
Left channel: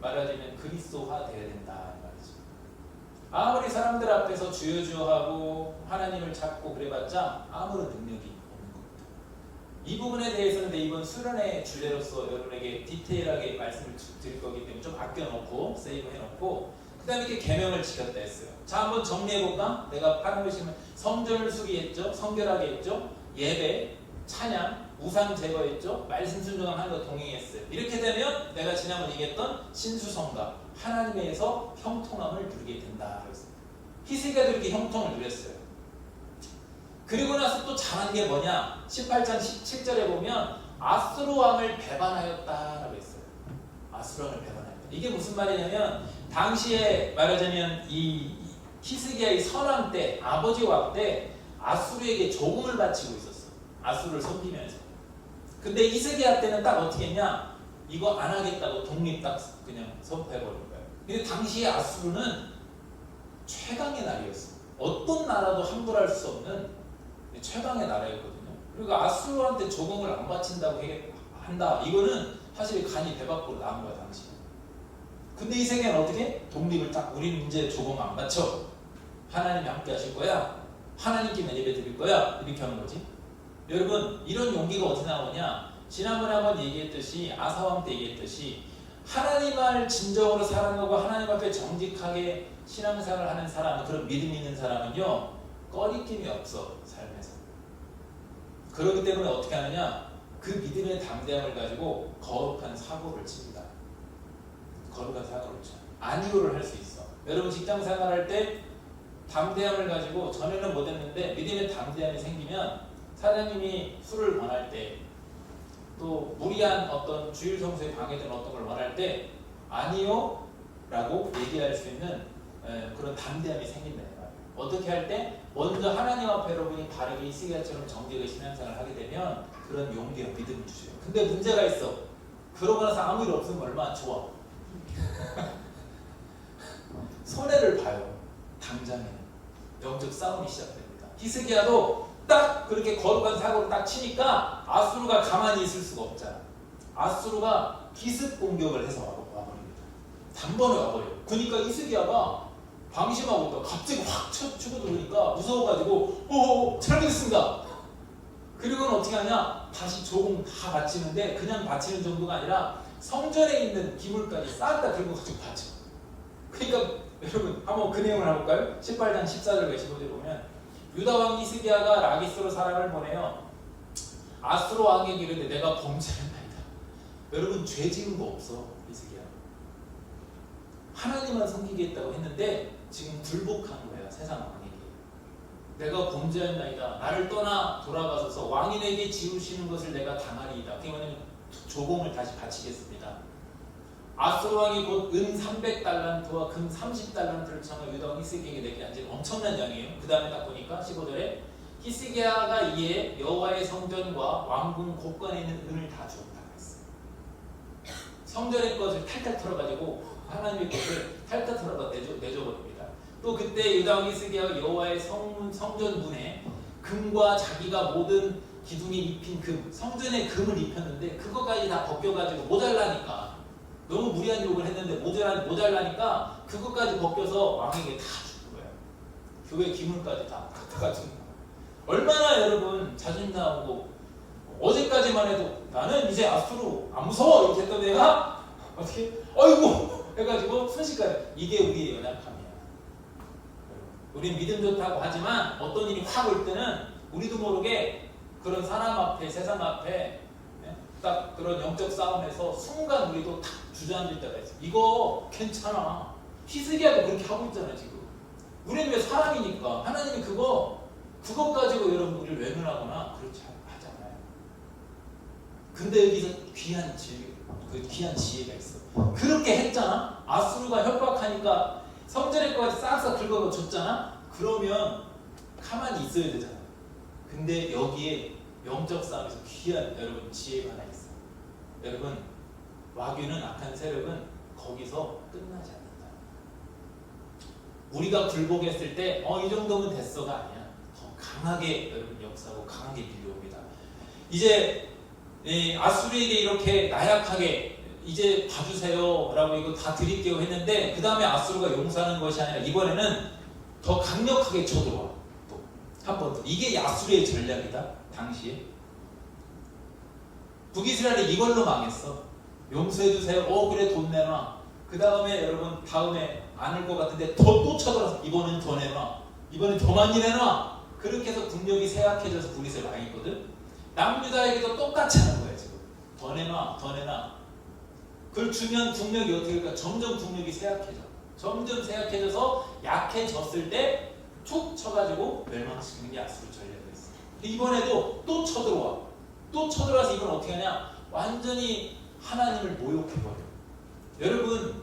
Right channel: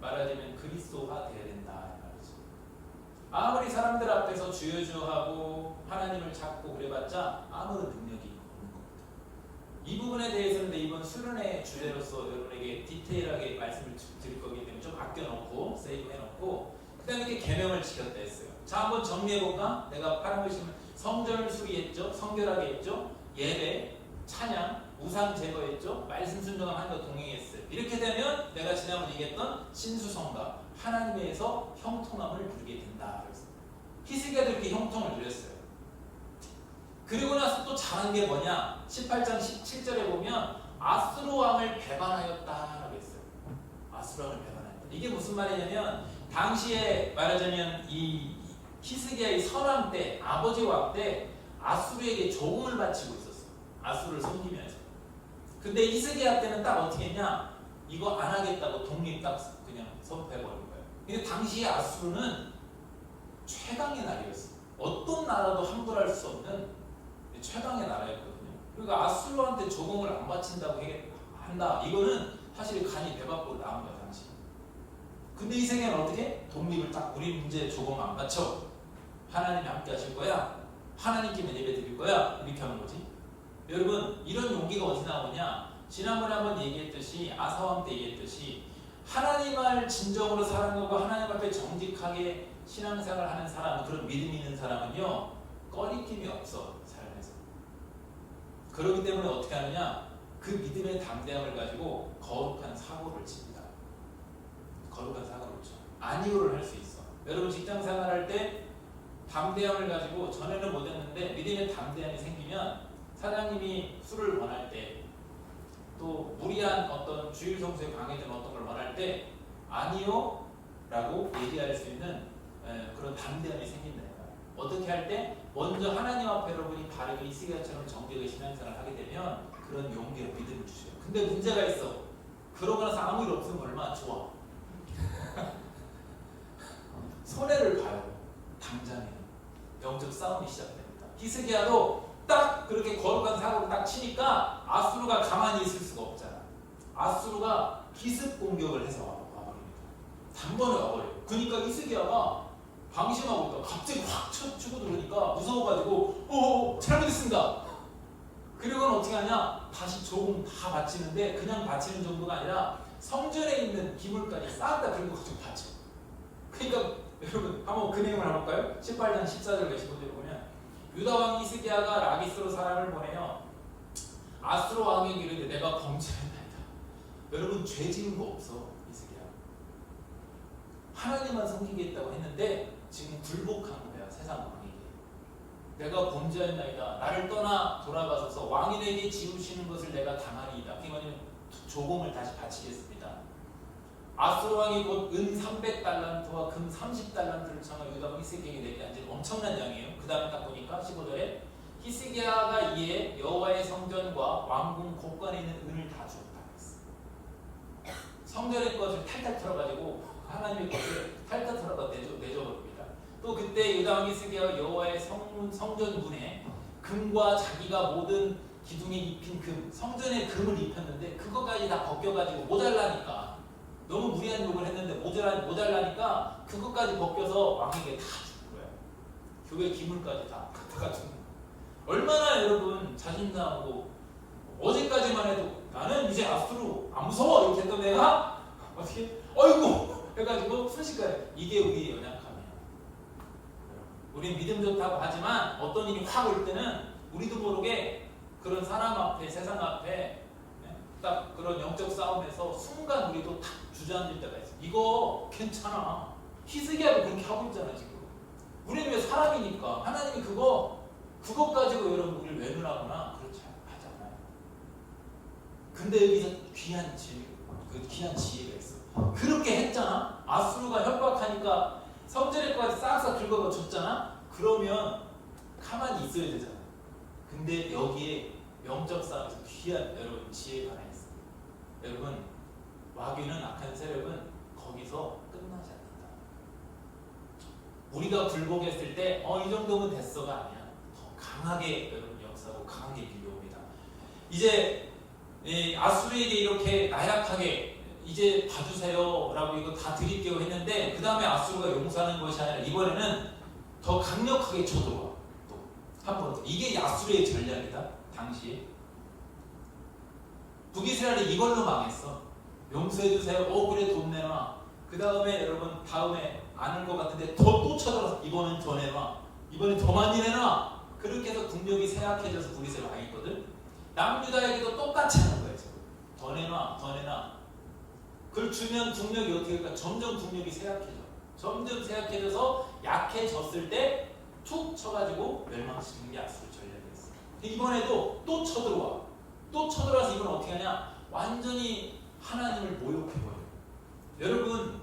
말하자면 그리스도화 돼야 된다 이 말이지. 아무리 사람들 앞에서 주여주여하고 하나님을 찾고 그래봤자 아무런 능력이 없는 겁니다. 이 부분에 대해서는 이번 수련회 주제로서 여러분에게 디테일하게 말씀을 드릴 거기 때문에 좀 아껴놓고 세이브 해놓고 그 다음에 이렇게 계명을 지켰다 했어요. 자, 한번 정리해볼까? 내가 파란 글씨면 성전을 수리했죠, 성결하게 했죠, 예배, 찬양, 우상 제거했죠, 말씀 순종하는 거 동행했어요. 이렇게 되면 내가 지난번에 얘기했던 신수성가, 하나님에서 형통함을 누리게 된다 그랬습니다. 히스기야도 이렇게 형통을 누렸어요. 그리고 나서 또 잘한 게 뭐냐? 18장 17절에 보면 아수르 왕을 배반하였다라고 했어요. 아수르 왕을 배반하였다. 이게 무슨 말이냐면 당시에 말하자면 이 히스기야의 선왕 때, 아버지 왕 때 아수르에게 조공을 바치고 있었어. 아수르를 섬기면서. 근데 히스기야 때는 딱 어떻게 했냐? 이거 안 하겠다고 독립 딱 그냥 선포해버린 거예요. 근데 당시에 아수르는 최강의 나라였어요. 어떤 나라도 함부로할 수 없는 최강의 나라였거든요. 그리고 아수르한테 조공을 안 바친다고 한다. 이거는 사실 간이 배 밖으로 나온 거야 당시. 근데 히스기야는 어떻게? 독립을 딱 우리는 이제 조공 안 바쳐. 하나님이 함께 하실 거야. 하나님께만 예배 드릴 거야. 이렇게 하는 거지. 여러분, 이런 용기가 어디서 나오냐? 지난번에 한번 얘기했듯이 아사왕 때 얘기했듯이 하나님을 진정으로 사랑하고 하나님 앞에 정직하게 신앙생활을 하는 사람, 그런 믿음 있는 사람은요 꺼리낌이 없어 삶에서. 그렇기 때문에 어떻게 하느냐? 그 믿음의 담대함을 가지고 거룩한 사고를 칩니다. 거룩한 사고를 쳐. 안이오를 할 수 있어. 여러분 직장생활할 때 담대함을 가지고 전에는 못했는데 믿음의 담대함이 생기면 사장님이 술을 원할 때 또 무리한 어떤 주일 성수에 방해되는 어떤 걸 원할 때 아니요 라고 얘기할 수 있는 그런 담대함이 생긴다. 어떻게 할 때? 먼저 하나님 앞에 여러분이 바르게 히스기야처럼 정직하게 신앙생활을 하게 되면 그런 용기와 믿음을 주세요. 근데 문제가 있어. 그러고 나서 아무 일 없으면 얼마나 좋아. 손해를 봐요. 당장에 영적 싸움이 시작됩니다. 히스기야도 딱 그렇게 거룩한 사고를 딱 치니까 아수르가 가만히 있을 수가 없잖아. 아수르가 기습 공격을 해서 와버립니다. 단번에 와버려요. 그러니까 히스기야가 방심하고 있다가 갑자기 확 치고 들어오니까 무서워가지고 잘못했습니다. 그리고는 어떻게 하냐? 다시 조공 다 바치는데 그냥 바치는 정도가 아니라 성전에 있는 기물까지 싹 다 들고 가지고 바쳐. 그러니까 여러분 한번 그 내용을 해볼까요? 18장 14절 15절 보면 유다 왕 히스기야가 라기스로 사람을 보내요. 아수르 왕에게 이르되 내가 범죄하나이다. 여러분 죄 지은 거 없어 히스기야. 하나님만 섬기겠다고 했는데 지금 굴복한 거야 세상 왕에게. 내가 범죄하나이다. 나를 떠나 돌아가소서. 왕인에게 지우시는 것을 내가 당하리이다. 그러면 조공을 다시 바치겠습니다. 아수르 왕이 곧 은 300달란트와 금 30달란트를 청하 유다 왕 히스기야에게 내게 앉은 엄청난 양이에요. 그 다음에 딱 보니까 15절에 히스기야가 이에 여호와의 성전과 왕궁 곳간에 있는 은을 다 주었다 그랬어. 성전의 것을 탈탈 털어가지고 하나님의 것을 탈탈 털어가 내줘버립니다. 또 그때 유다 왕 히스기야가 여호와의 성전 문에 금과 자기가 모든 기둥에 입힌 금, 성전에 금을 입혔는데 그것까지 다 벗겨가지고 모자라니까 너무 무리한 욕을 했는데 모자라니까 그것까지 벗겨서 왕에게 다 주는 거예요. 교회 기물까지 다 갖다가 주는 거예요. 얼마나 여러분 자존심 나오고 어제까지만 해도 나는 이제 아수르 안 무서워 이렇게 했던 애가 어떻게 어이구 해가지고 순식간에 이게 우리의 연약함이야. 우린 믿음 좋다고 하지만 어떤 일이 확 올 때는 우리도 모르게 그런 사람 앞에 세상 앞에 딱 그런 영적 싸움에서 순간 우리도 탁 주저앉을 때가 있어. 이거 괜찮아. 히스기야도 그렇게 하고 있잖아 지금. 우리는 왜 사람이니까 하나님이 그거 가지고 여러분 우리를 외면하거나 그렇지 하잖아요. 근데 여기서 귀한 지혜가 있어. 그렇게 했잖아. 아수르가 협박하니까 성전의 것까지 싹싹 긁어줬잖아. 그러면 가만히 있어야 되잖아. 근데 여기에 영적 싸움에서 귀한 여러분 지혜가 하나 있어요. 여러분 마귀는 악한 세력은 거기서 끝나지 않는다. 우리가 굴복했을 때 이 정도면 됐어가 아니야. 더 강하게 여러분 역사하고 강하게 밀려옵니다. 이제 아수르에게 이렇게 나약하게 이제 봐주세요 라고 이거 다 드릴게요 했는데 그 다음에 아수르가 용서하는 것이 아니라 이번에는 더 강력하게 쳐들어와. 또 한 번 더. 이게 아수르의 전략이다. 당시에 북이스라엘이 이걸로 망했어. 용서해주세요. 그래 돈 내놔. 그 다음에 여러분 다음에 안 올 것 같은데 또 쳐들어서 이번엔 더 내놔. 이번엔 더 많이 내놔. 그렇게 해서 국력이 쇠약해져서 북이스라엘 왕이거든. 남유다에게도 똑같이 하는 거야 지금. 더 내놔, 더 내놔. 그걸 주면 국력이 어떻게 될까? 점점 국력이 쇠약해져. 점점 쇠약해져서 약해졌을 때 툭 쳐가지고 멸망시키는 게 아수르 전략이었어. 이번에도 또 쳐들어와. 또 쳐들어와서 이건 어떻게 하냐? 완전히 하나님을 모욕해버려. 여러분,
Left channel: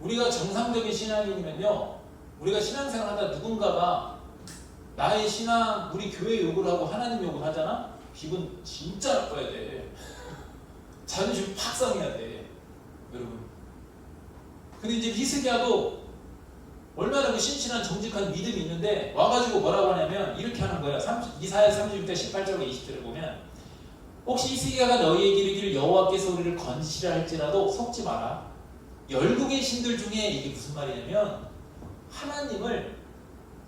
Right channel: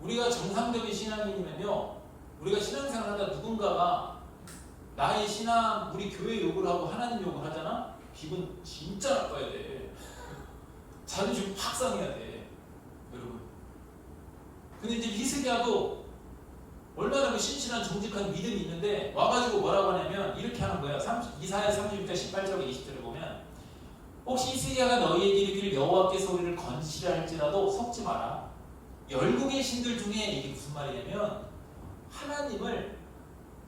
우리가 정상적인 신앙인이면요, 우리가 신앙생활하다 누군가가 나의 신앙, 우리 교회 욕을 하고 하나님 욕을 하잖아? 기분 진짜 나빠야 돼. 자존심 팍 상해야 돼. 여러분. 근데 이제 히스기야도 얼마나 그 신실한 정직한 믿음이 있는데 와가지고 뭐라고 하냐면 이렇게 하는 거야. 이사야 36장 18절과 20절을 보면 혹시 히스기야가 너희에게 이르기를 여호와께서 우리를 건지시라 할지라도 속지 마라. 열국의 신들 중에 이게 무슨 말이냐면 하나님을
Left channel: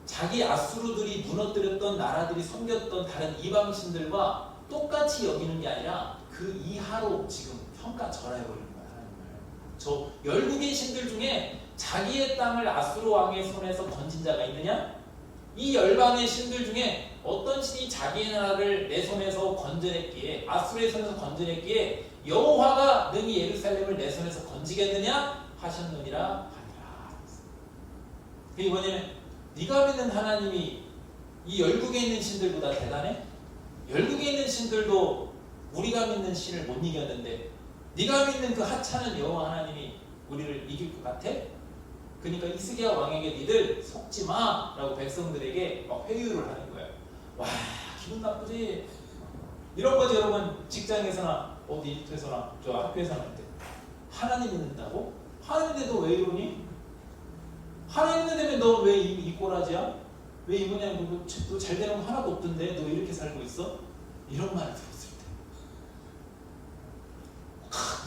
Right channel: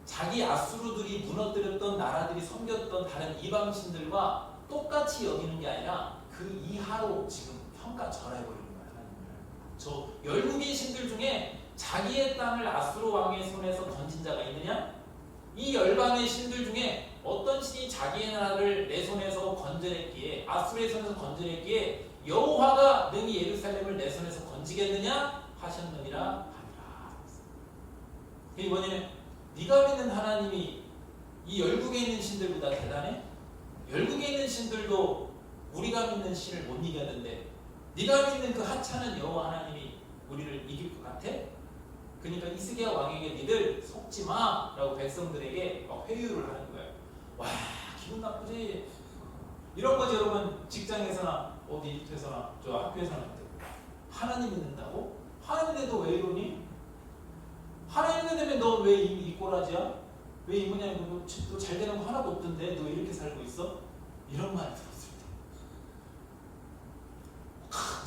자기 아수르들이 무너뜨렸던 나라들이 섬겼던 다른 이방 신들과 똑같이 여기는 게 아니라 그 이하로 지금 평가절하해버리는 거야. 하나님을. 저 열국의 신들 중에 자기의 땅을 아수르 왕의 손에서 건진 자가 있느냐? 이 열방의 신들 중에 어떤 신이 자기의 나라를 내 손에서 건져냈기에 아수르의 손에서 건져냈기에 여호와가 능히 예루살렘을 내 손에서 건지겠느냐? 하셨느니라 하니라. 그게 뭐냐면 네가 믿는 하나님이 이 열국에 있는 신들보다 대단해? 열국에 있는 신들도 우리가 믿는 신을 못 이겼는데 네가 믿는 그 하찮은 여호와 하나님이 우리를 이길 것 같아? 그러니까 히스기야 왕에게 니들 속지 마 라고 백성들에게 막 회유를 하는 거야. 와, 기분 나쁘지? 이런 거지 여러분. 직장에서나 어디에서나 저 학교에서나 할 때 하나님 믿는다고? 하나님 믿는데 너 왜 이러니? 하나님 믿는다면 너 왜 이 꼬라지야? 왜 이 모양이야? 너 잘 되는 거 하나도 없던데 너 왜 이렇게 살고 있어? 이런 말을 들었을 때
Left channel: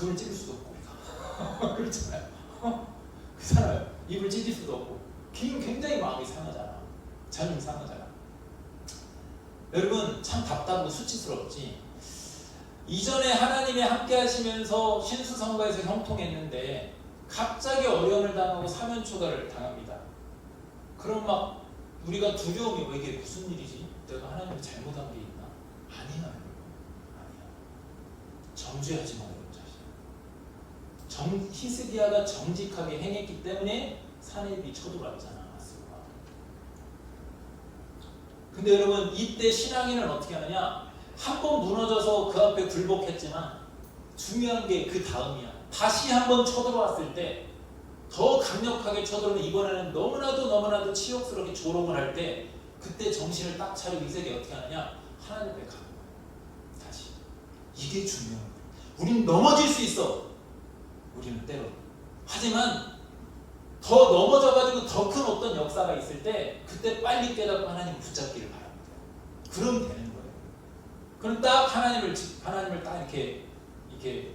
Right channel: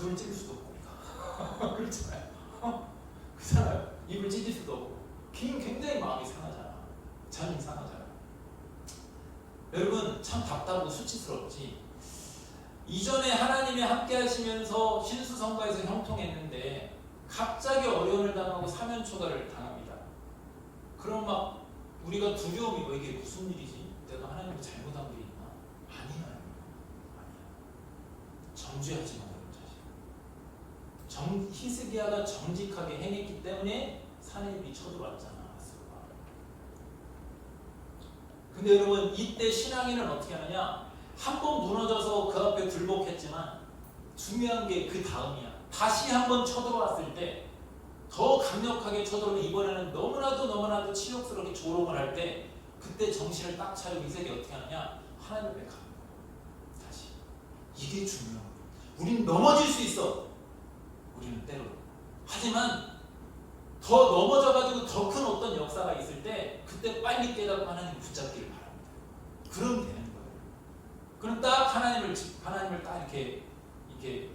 눈을 찌를 수도 없고 그렇잖아요. 그 사람 입을 찢을 수도 없고 굉장히 마음이 상하잖아. 자존심 상하잖아. 여러분 참 답답하고 수치스럽지. 이전에 하나님이 함께 하시면서 신수성가에서 형통했는데 갑자기 어려움을 당하고 사면초가를 당합니다. 그럼 막 우리가 두려움이 이게 무슨 일이지? 내가 하나님이 잘못한 게 있나? 아니야. 정죄하지 마. 히스기야가 정직하게 행했기 때문에 산업이 쳐들어왔잖아. 근데 여러분 이때 신앙인은 어떻게 하느냐? 한 번 무너져서 그 앞에 굴복했지만 중요한 게 그 다음이야. 다시 한 번 쳐들어왔을 때 더 강력하게 쳐들어오면 이번에는 너무나도 치욕스럽게 조롱을 할 때 그때 정신을 딱 차리고 히스기야 어떻게 하느냐? 하나님의 가는 거야. 다시. 이게 중요한 거야. 우린 넘어질 수 있어. 우리는 때로. 하지만 더 넘어져가지고 더 큰 어떤 역사가 있을 때 그때 빨리 깨닫고 하나님 붙잡기를 바랍니다. 그러면 되는 거예요. 그럼 딱 하나님을 딱 이렇게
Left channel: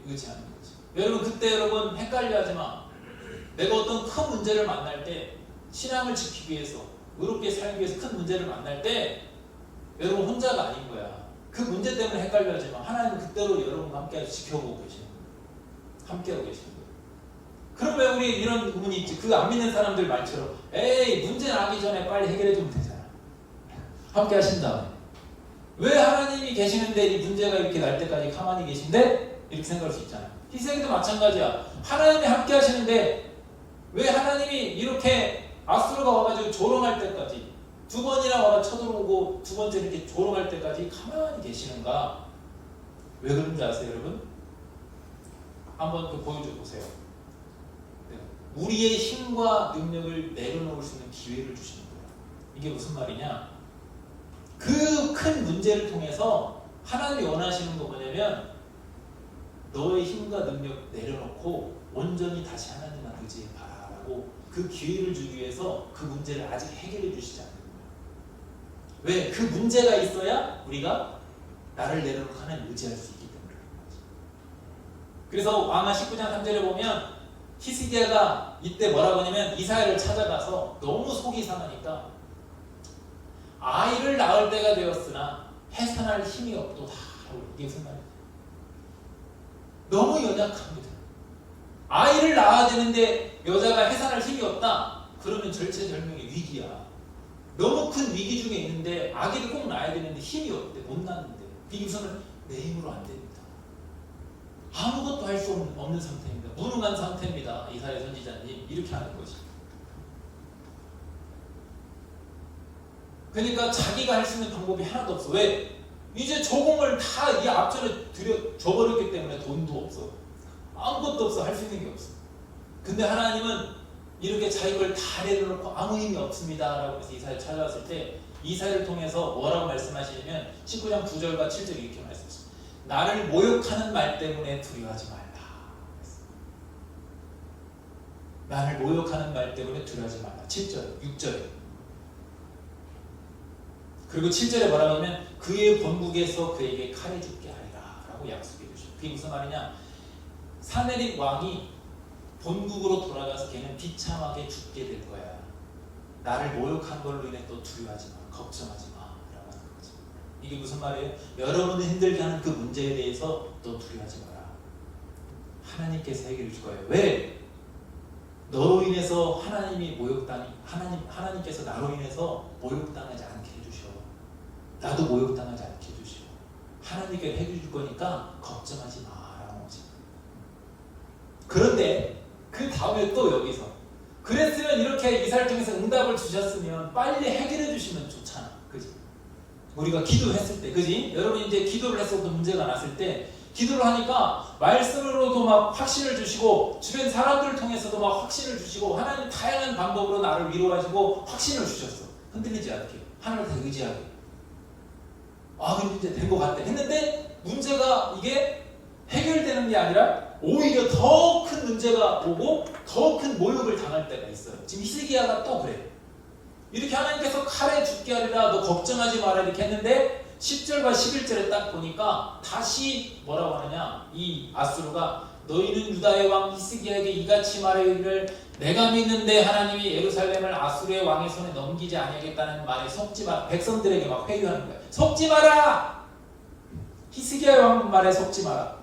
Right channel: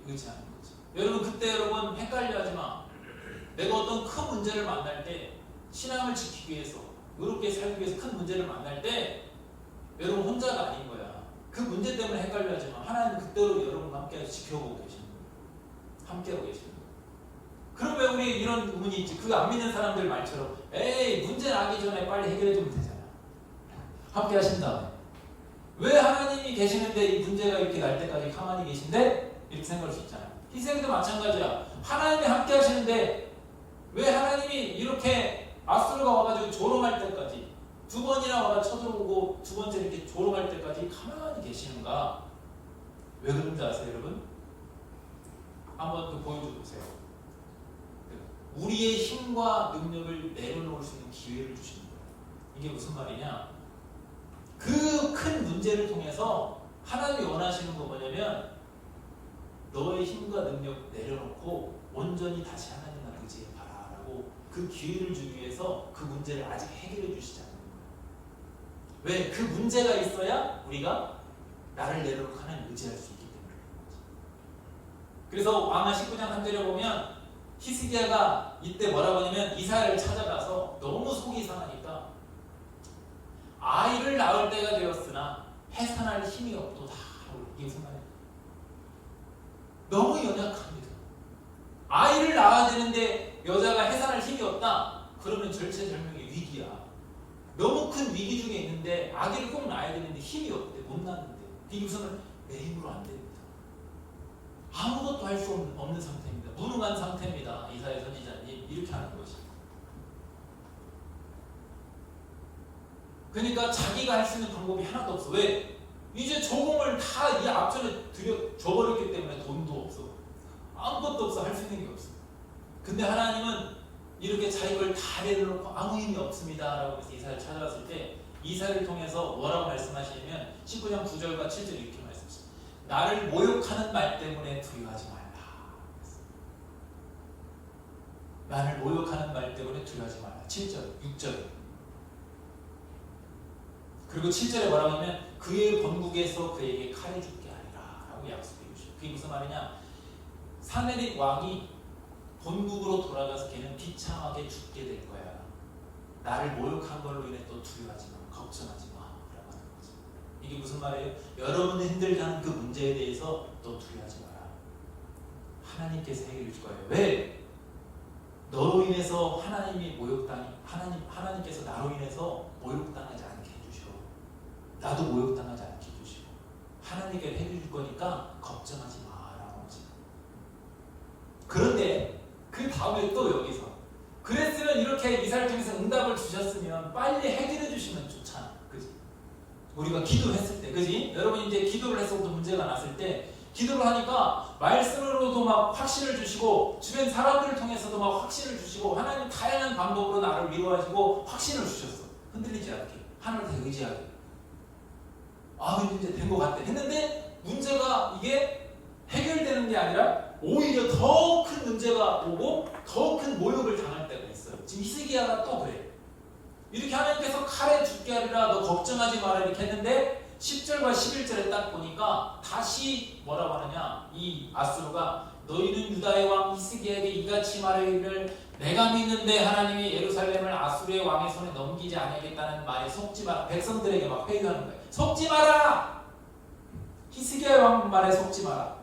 의지하는 거지. 여러분 그때 여러분 헷갈려하지 마. 내가 어떤 큰 문제를 만날 때 신앙을 지키기 위해서 의롭게 살기 위해서 큰 문제를 만날 때 여러분 혼자가 아닌 거야. 그 문제 때문에 헷갈려하지 마. 하나님 그때로 여러분과 함께 지켜보고 계시는 거예요. 함께하고 계시는 거예요. 그럼 왜 우리 이런 의문이 있지? 그 안 믿는 사람들 말처럼 에이 문제 나기 전에 빨리 해결해 주면 되잖아. 함께 하신다. 왜 하나님이 계시는데 이 문제가 이렇게 날 때까지 가만히 계신데? 이렇게 생각할 수 있잖아. 희생도 마찬가지야. 하나님이 함께 하시는데 왜 하나님이 이렇게 아수르가 와가지고 조롱할 때까지 두 번이나 와 쳐들어오고 두 번째 이렇게 조롱할 때까지 가만히 계시는가? 왜 그런지 아세요 여러분? 한번 또 보여줘 보세요. 우리의 힘과 능력을 내려놓을 수 있는 기회를 주시는 거예요. 이게 무슨 말이냐? 그 큰 문제를 통해서 하나님이 원하시는 거 뭐냐면 너의 힘과 능력 내려놓고 온전히 다시 하나님만 의지해봐라고 그 기회를 주기 위해서 그 문제를 아직 해결해 주시지 않는 거예요. 왜? 그 문제가 있어야 우리가 나를 내려놓고 하나님 의지할 수 있기 때문에. 그래서 왕하 19장 3절에 보면 히스기야가 이때 뭐라고 하냐면 이사야를 찾아가서 너무 속이 상하니까 아이를 낳을 때가 되었으나 해산할 힘이 없도다. 이게 무슨 말이에요? 너무 연약합니다. 아이를 낳아야 되는데 여자가 해산할 힘이 없다. 그러면 절체절명의 위기야. 너무 큰 위기 중에 있는데 아기를 꼭 낳아야 되는데 힘이 없대. 못 낳는데. 이게 무슨 내 힘으로 안 됩니다. 아무것도 할 수 없는 상태입니다. 무능한 상태입니다. 이사야 선지자님 이렇게 하는 것이. 그러니까 자기가 할 수 있는 방법이 하나도 없어. 왜? 이제 조공을 다 이 앞전에 줘버렸기 때문에 돈도 없어. 아무것도 없어. 할 수 있는 게 없어. 근데 하나님은 이렇게 자기 걸 다 내려놓고 아무 힘이 없습니다 라고 해서 이사야를 찾아왔을 때 이사야를 통해서 뭐라고 말씀하시냐면 19장 9절과 7절 이렇게 말씀하십니다. 나를 모욕하는 말 때문에 두려워하지 말라. 나를 모욕하는 말 때문에 두려워하지 말라. 7절, 6절에. 그리고 7절에 뭐라고 하면 그의 본국에서 그에게 칼을 죽게 하리라 라고 약속해 주시고 그게 무슨 말이냐. 사내립 왕이 본국으로 돌아가서 걔는 비참하게 죽게 될 거야. 나를 모욕한 걸로 인해 또 두려워하지 마. 걱정하지 마 라고 하는 거죠. 이게 무슨 말이에요? 여러분을 힘들게 하는 그 문제에 대해서 또 두려워하지 마라. 하나님께서 해결해 줄 거예요. 왜? 너로 인해서 하나님이 하나님께서 나로 인해서 모욕당하지 않게 해주셔. 나도 모욕당하지 않게 해주시고 하나님께 해줄 거니까 걱정하지 마라는 거지. 그런데 그 다음에 또 여기서 그랬으면 이렇게 이사를 통해서 응답을 주셨으면 빨리 해결해 주시면 좋잖아. 그지? 우리가 기도했을 때, 그지? 여러분 이제 기도를 해서 또 문제가 났을 때 기도를 하니까 말씀으로도 막 확신을 주시고 주변 사람들을 통해서도 막 확신을 주시고 하나님 다양한 방법으로 나를 위로하시고 확신을 주셨어. 흔들리지 않게 하나님한테 의지하게. 아 근데 이제 된 것 같아 했는데 문제가 이게 해결되는 게 아니라 오히려 더 큰 문제가 오고 더 큰 모욕을 당할 때가 있어요. 지금 히스기야가 또 그래. 이렇게 하나님께서 칼에 죽게 하리라 너 걱정하지 마라 이렇게 했는데 10절과 11절에 딱 보니까 다시 뭐라고 하느냐. 이 아수르가 너희는 유다의 왕 히스기야에게 이같이 말하기를 내가 믿는데 하나님이 예루살렘을 아수르의 왕의 손에 넘기지 아니하겠다는 말에 속지 마라. 백성들에게 막 회유하는 거야. 속지 마라. 히스기야 왕 말에 속지 마라.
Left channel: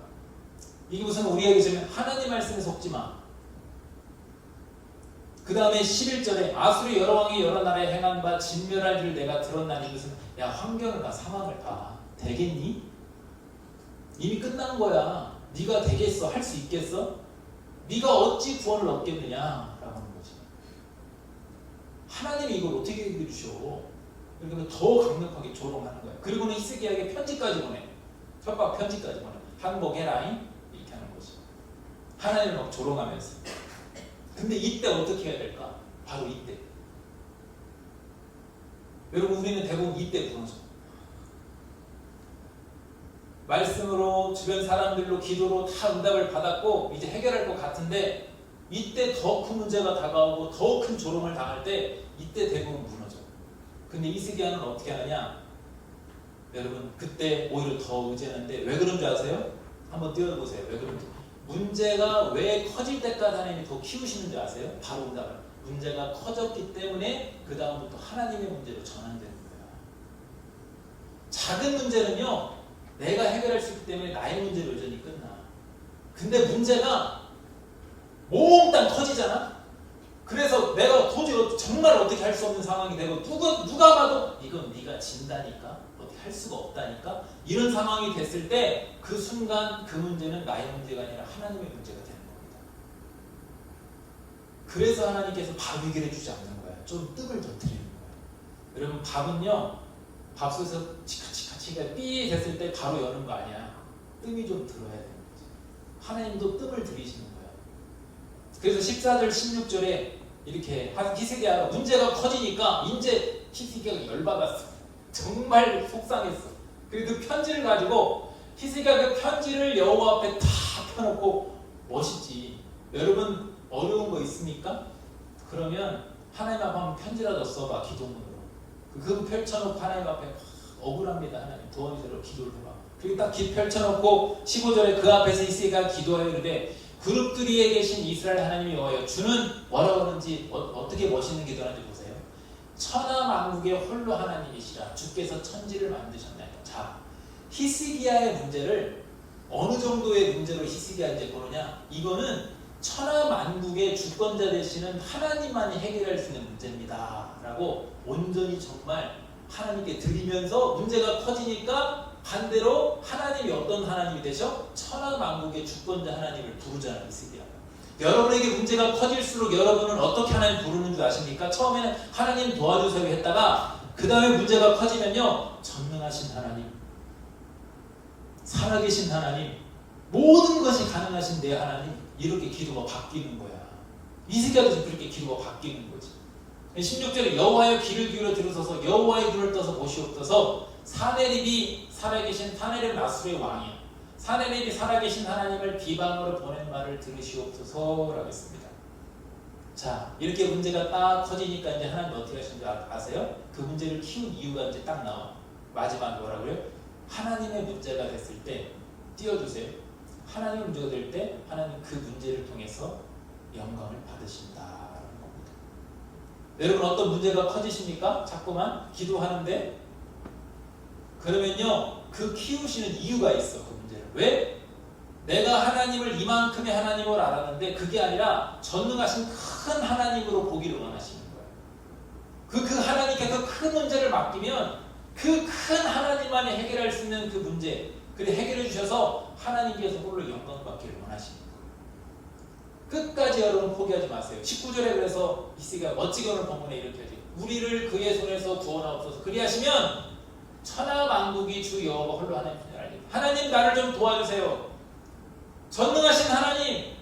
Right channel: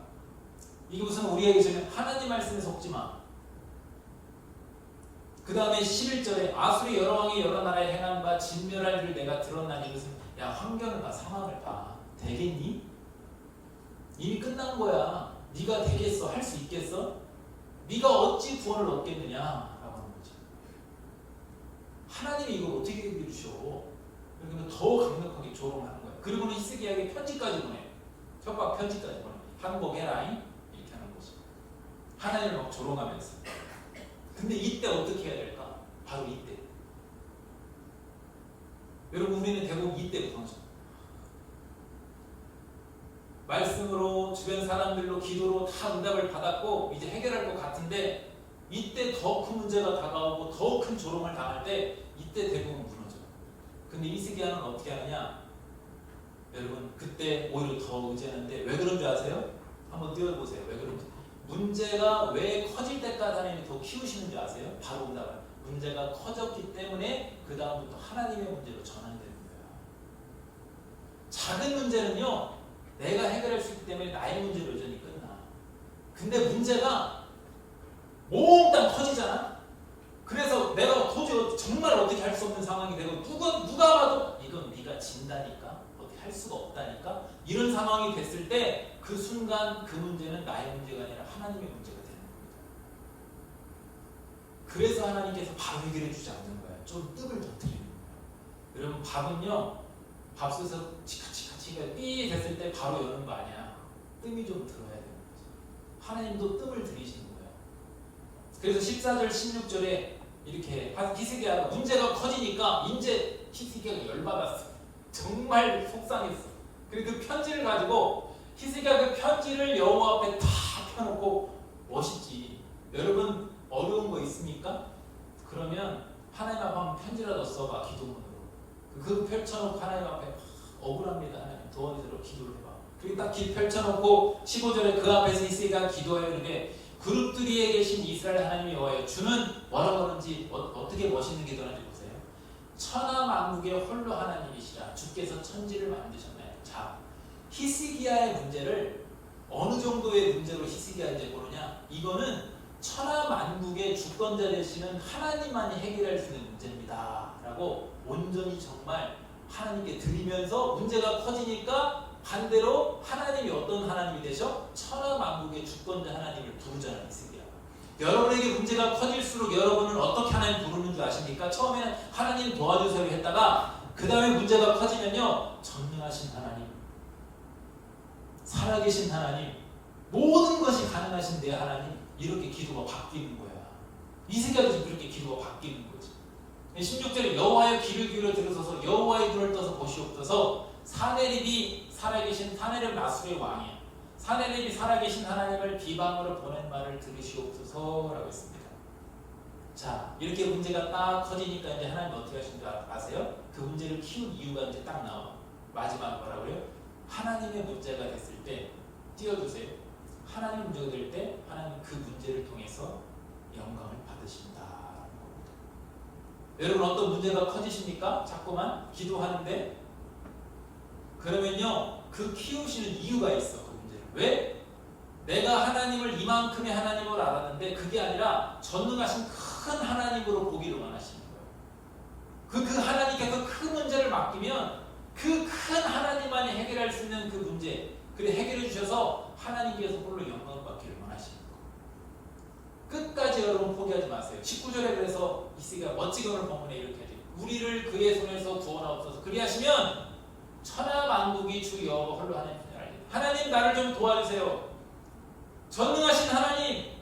이게 무슨 우리에게 지금 하나님 말씀에 속지 마. 그 다음에 11절에 아수르 여러 왕이 여러 나라에 행한 바 진멸할 줄 내가 들었나니 이것은 야 환경을 봐 상황을 봐 되겠니? 이미 끝난 거야. 네가 되겠어? 할 수 있겠어? 네가 어찌 구원을 얻겠느냐 라고 하는 거지. 하나님이 이걸 어떻게 해결해 주셔. 그러면 더 강력하게 조롱하는 거야. 그리고는 히스기야에게 편지까지 보내. 협박 편지까지 보내. 항복해라잉 이렇게 하는 거지. 하나님을 막 조롱하면서. 근데 이때 어떻게 해야 될까? 바로 이때. 여러분 우리는 대부분 이때 그러죠. 말씀으로 주변 사람들로 기도로 다 응답을 받았고 이제 해결할 것 같은데 이때 더 큰 문제가 다가오고 더 큰 조롱을 당할 때 이때 대부분 무너져. 근데 히스기야는 어떻게 하느냐? 여러분 그때 오히려 더 의지하는데 왜 그런 줄 아세요? 한번 띄워보세요. 왜 그런지. 문제가 왜 커질 때까지 하나님이 더 키우시는 줄 아세요? 바로 응답을. 문제가 커졌기 때문에 그 다음부터 하나님의 문제로 전환되는 거예요. 작은 문제는요 내가 해결할 수 있기 때문에 나의 문제로 여전히 끝나. 근데 문제가 몽땅 터지잖아. 그래서 내가 도저히 정말 어떻게 할 수 없는 상황이 되고 누가 봐도 이건 네가 진다니까 어떻게 할 수가 없다니까 이런 상황이 됐을 때 그 순간 그 문제는 나의 문제가 아니라 하나님의 문제가 되는 겁니다. 그래서 하나님께서 밥 해결해 주지 않는 거야. 좀 뜸을 좀 들이는 거야. 여러분 밥은요 밥솥에서 치카치카 삐 됐을 때 바로 여는 거 아니야. 뜸이 좀 들어야 되는 거지. 하나님도 뜸을 들이시는 거야. 그래서 14절 16절에 이렇게 히스기야가 문제가 커지니까 이제 히스기야가 열받았어. 정말 속상했어. 그리고 그 편지를 가지고 히스기야가 그 편지를 여호와 앞에 다 펴놓고 멋있지. 여러분 어려운 거 있습니까? 그러면 하나님 앞에 한번 편지라도 써봐. 기도문으로. 그거 펼쳐놓고 하나님 앞에 억울합니다. 하나님 도원이대로 기도를 해봐. 그리고 딱 펼쳐놓고 15절에 그 앞에서 히스기야가 기도하여 이르되 그룹들이에 계신 이스라엘 하나님 여호와여 주는 뭐라고 하는지 어떻게 멋있는 기도하는지 보세요. 천하만국의 홀로 하나님이시라 주께서 천지를 만드셨나요. 자, 히스기야의 문제를 어느 정도의 문제로 히스기야 이제 보느냐? 이거는 천하만국의 주권자 되시는 하나님만이 해결할 수 있는 문제입니다. 라고 온전히 정말 하나님께 드리면서 문제가 커지니까 반대로 하나님이 어떤 하나님이 되셔? 천하만국의 주권자 하나님을 부르잖아요. 히스기야. 여러분에게 문제가 커질수록 여러분은 어떻게 하나님 부르는 줄 아십니까? 처음에는 하나님 도와주세요 했다가 그 다음에 문제가 커지면요. 전능하신 하나님, 살아계신 하나님, 모든 것이 가능하신 내 하나님, 이렇게 기도가 바뀌는 거야. 히스기야도 지금 그렇게 기도가 바뀌는 거지. 16절에 여호와의 귀를 기울여 들으소서 여호와의 눈을 떠서 보시옵소서. 사네립이 살아계신 사네립 나수르의 왕이야. 사네립이 살아계신 하나님을 비방으로 보낸 말을 들으시옵소서라고 했습니다. 자, 이렇게 문제가 딱 커지니까 이제 하나님 어떻게 하신 줄 아세요? 그 문제를 키운 이유가 이제 딱 나와. 마지막 뭐라고요? 하나님의 문제가 됐을 때 띄워주세요. 하나님의 문제가 될 때 하나님 그 문제를 통해서 영광을 받으신다라는 겁니다. 여러분 어떤 문제가 커지십니까? 자꾸만 기도하는데 그러면요 그 키우시는 이유가 있어. 그 문제를 왜? 내가 하나님을 이만큼의 하나님으로 알았는데 그게 아니라 전능하신 큰 하나님으로 보기를 원하시는 거예요. 그 하나님께 그 큰 문제를 맡기면 그 큰 하나님만이 해결할 수 있는 그 문제 그래 해결해 주셔서 하나님께서 홀로 영광을 받기를 원하시는 거예요. 끝까지 여러분 포기하지 마세요. 19절에 그래서 히스기야가 멋지게 오늘 본문에 이렇게 하지. 우리를 그의 손에서 구원하옵소서. 그리하시면 천하만국이 주 여호와 홀로 하나님이시니 알겠다. 하나님 나를 좀 도와주세요. 전능하신 하나님,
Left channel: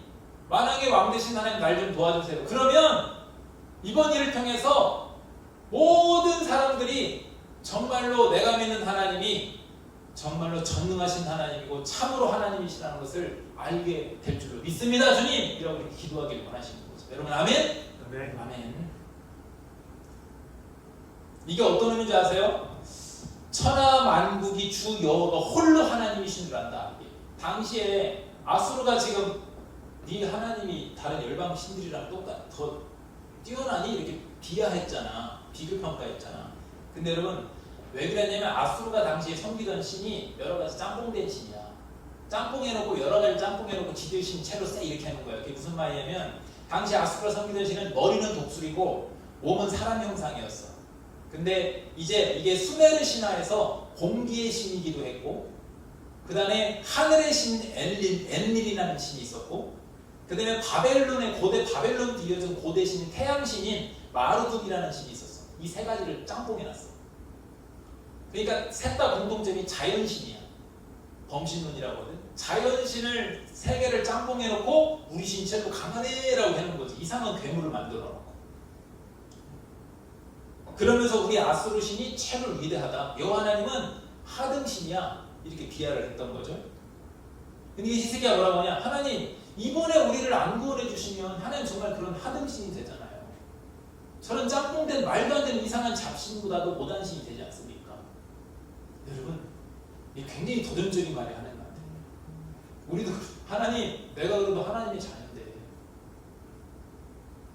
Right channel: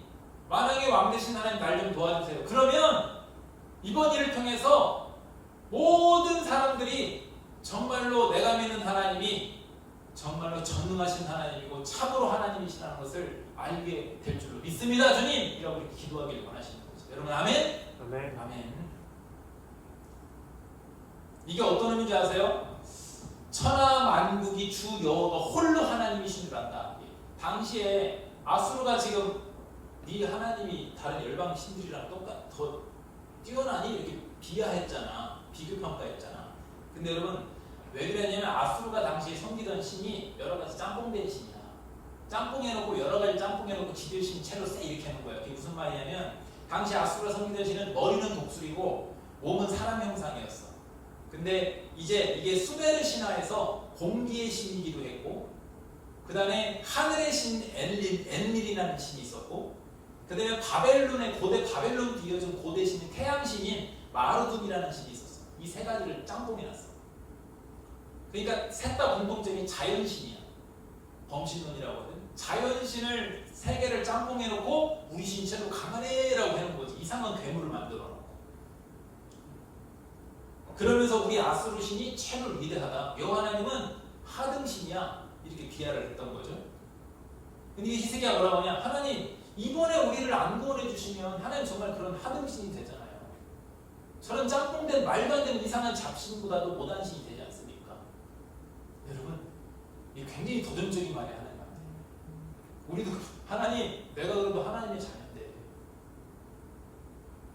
만왕의 왕 되신 하나님 날 좀 도와주세요. 그러면 이번 일을 통해서 모든 사람들이 정말로 내가 믿는 하나님이 정말로 전능하신 하나님이고 참으로 하나님이시라는 것을 알게 될 줄로 믿습니다. 주님! 이라고 이렇게 기도하길 원하시는 거죠. 여러분 아멘? 아멘. 아멘. 이게 어떤 의미인지 아세요? 천하만국이 주 여호와가 홀로 하나님이신 줄 안다. 당시에 아수르가 지금 네 하나님이 다른 열방 신들이랑 더 뛰어나니 이렇게 비하했잖아. 비교평가했잖아. 근데 여러분 왜 그랬냐면 아수르가 당시에 섬기던 신이 여러 가지 짬뽕된 신이야. 짬뽕해놓고 여러 가지 짬뽕해놓고 지들 신 채로 쎄 이렇게 하는 거야. 그게 무슨 말이냐면 당시 아수르가 섬기던 신은 머리는 독수리고 몸은 사람 형상이었어. 근데 이제 이게 수메르 신화에서 공기의 신이기도 했고 그 다음에 하늘의 신 엔릴이라는 신이 있었고 그 다음에 바벨론의 고대 바벨론 뒤이어진 고대 신인 태양신인 마르둑이라는 신이 있었어. 이 세 가지를 짬뽕해놨어. 그러니까 셋 다 공통점이 자연신이야. 범신론이라고 하거든. 자연신을 세 개를 짬뽕해놓고 우리 신체도 강하네라고 하는 거지. 이상한 괴물을 만들어놓고. 그러면서 우리 아수르 신이 최고 위대하다. 여호와 하나님은 하등신이야. 이렇게 비하를 했던 거죠. 근데 히스기야가 뭐라고 하냐? 하나님 이번에 우리를 안 구원해 주시면 하나님 정말 그런 하등신이 되잖아요. 저런 짬뽕된 말도 안 되는 이상한 잡신보다도 못한 신이 되지 않습니까? 여러분 이게 굉장히 도전적인 말이 하나님한테. 우리도 하나님 내가 그래도 하나님의 자녀인데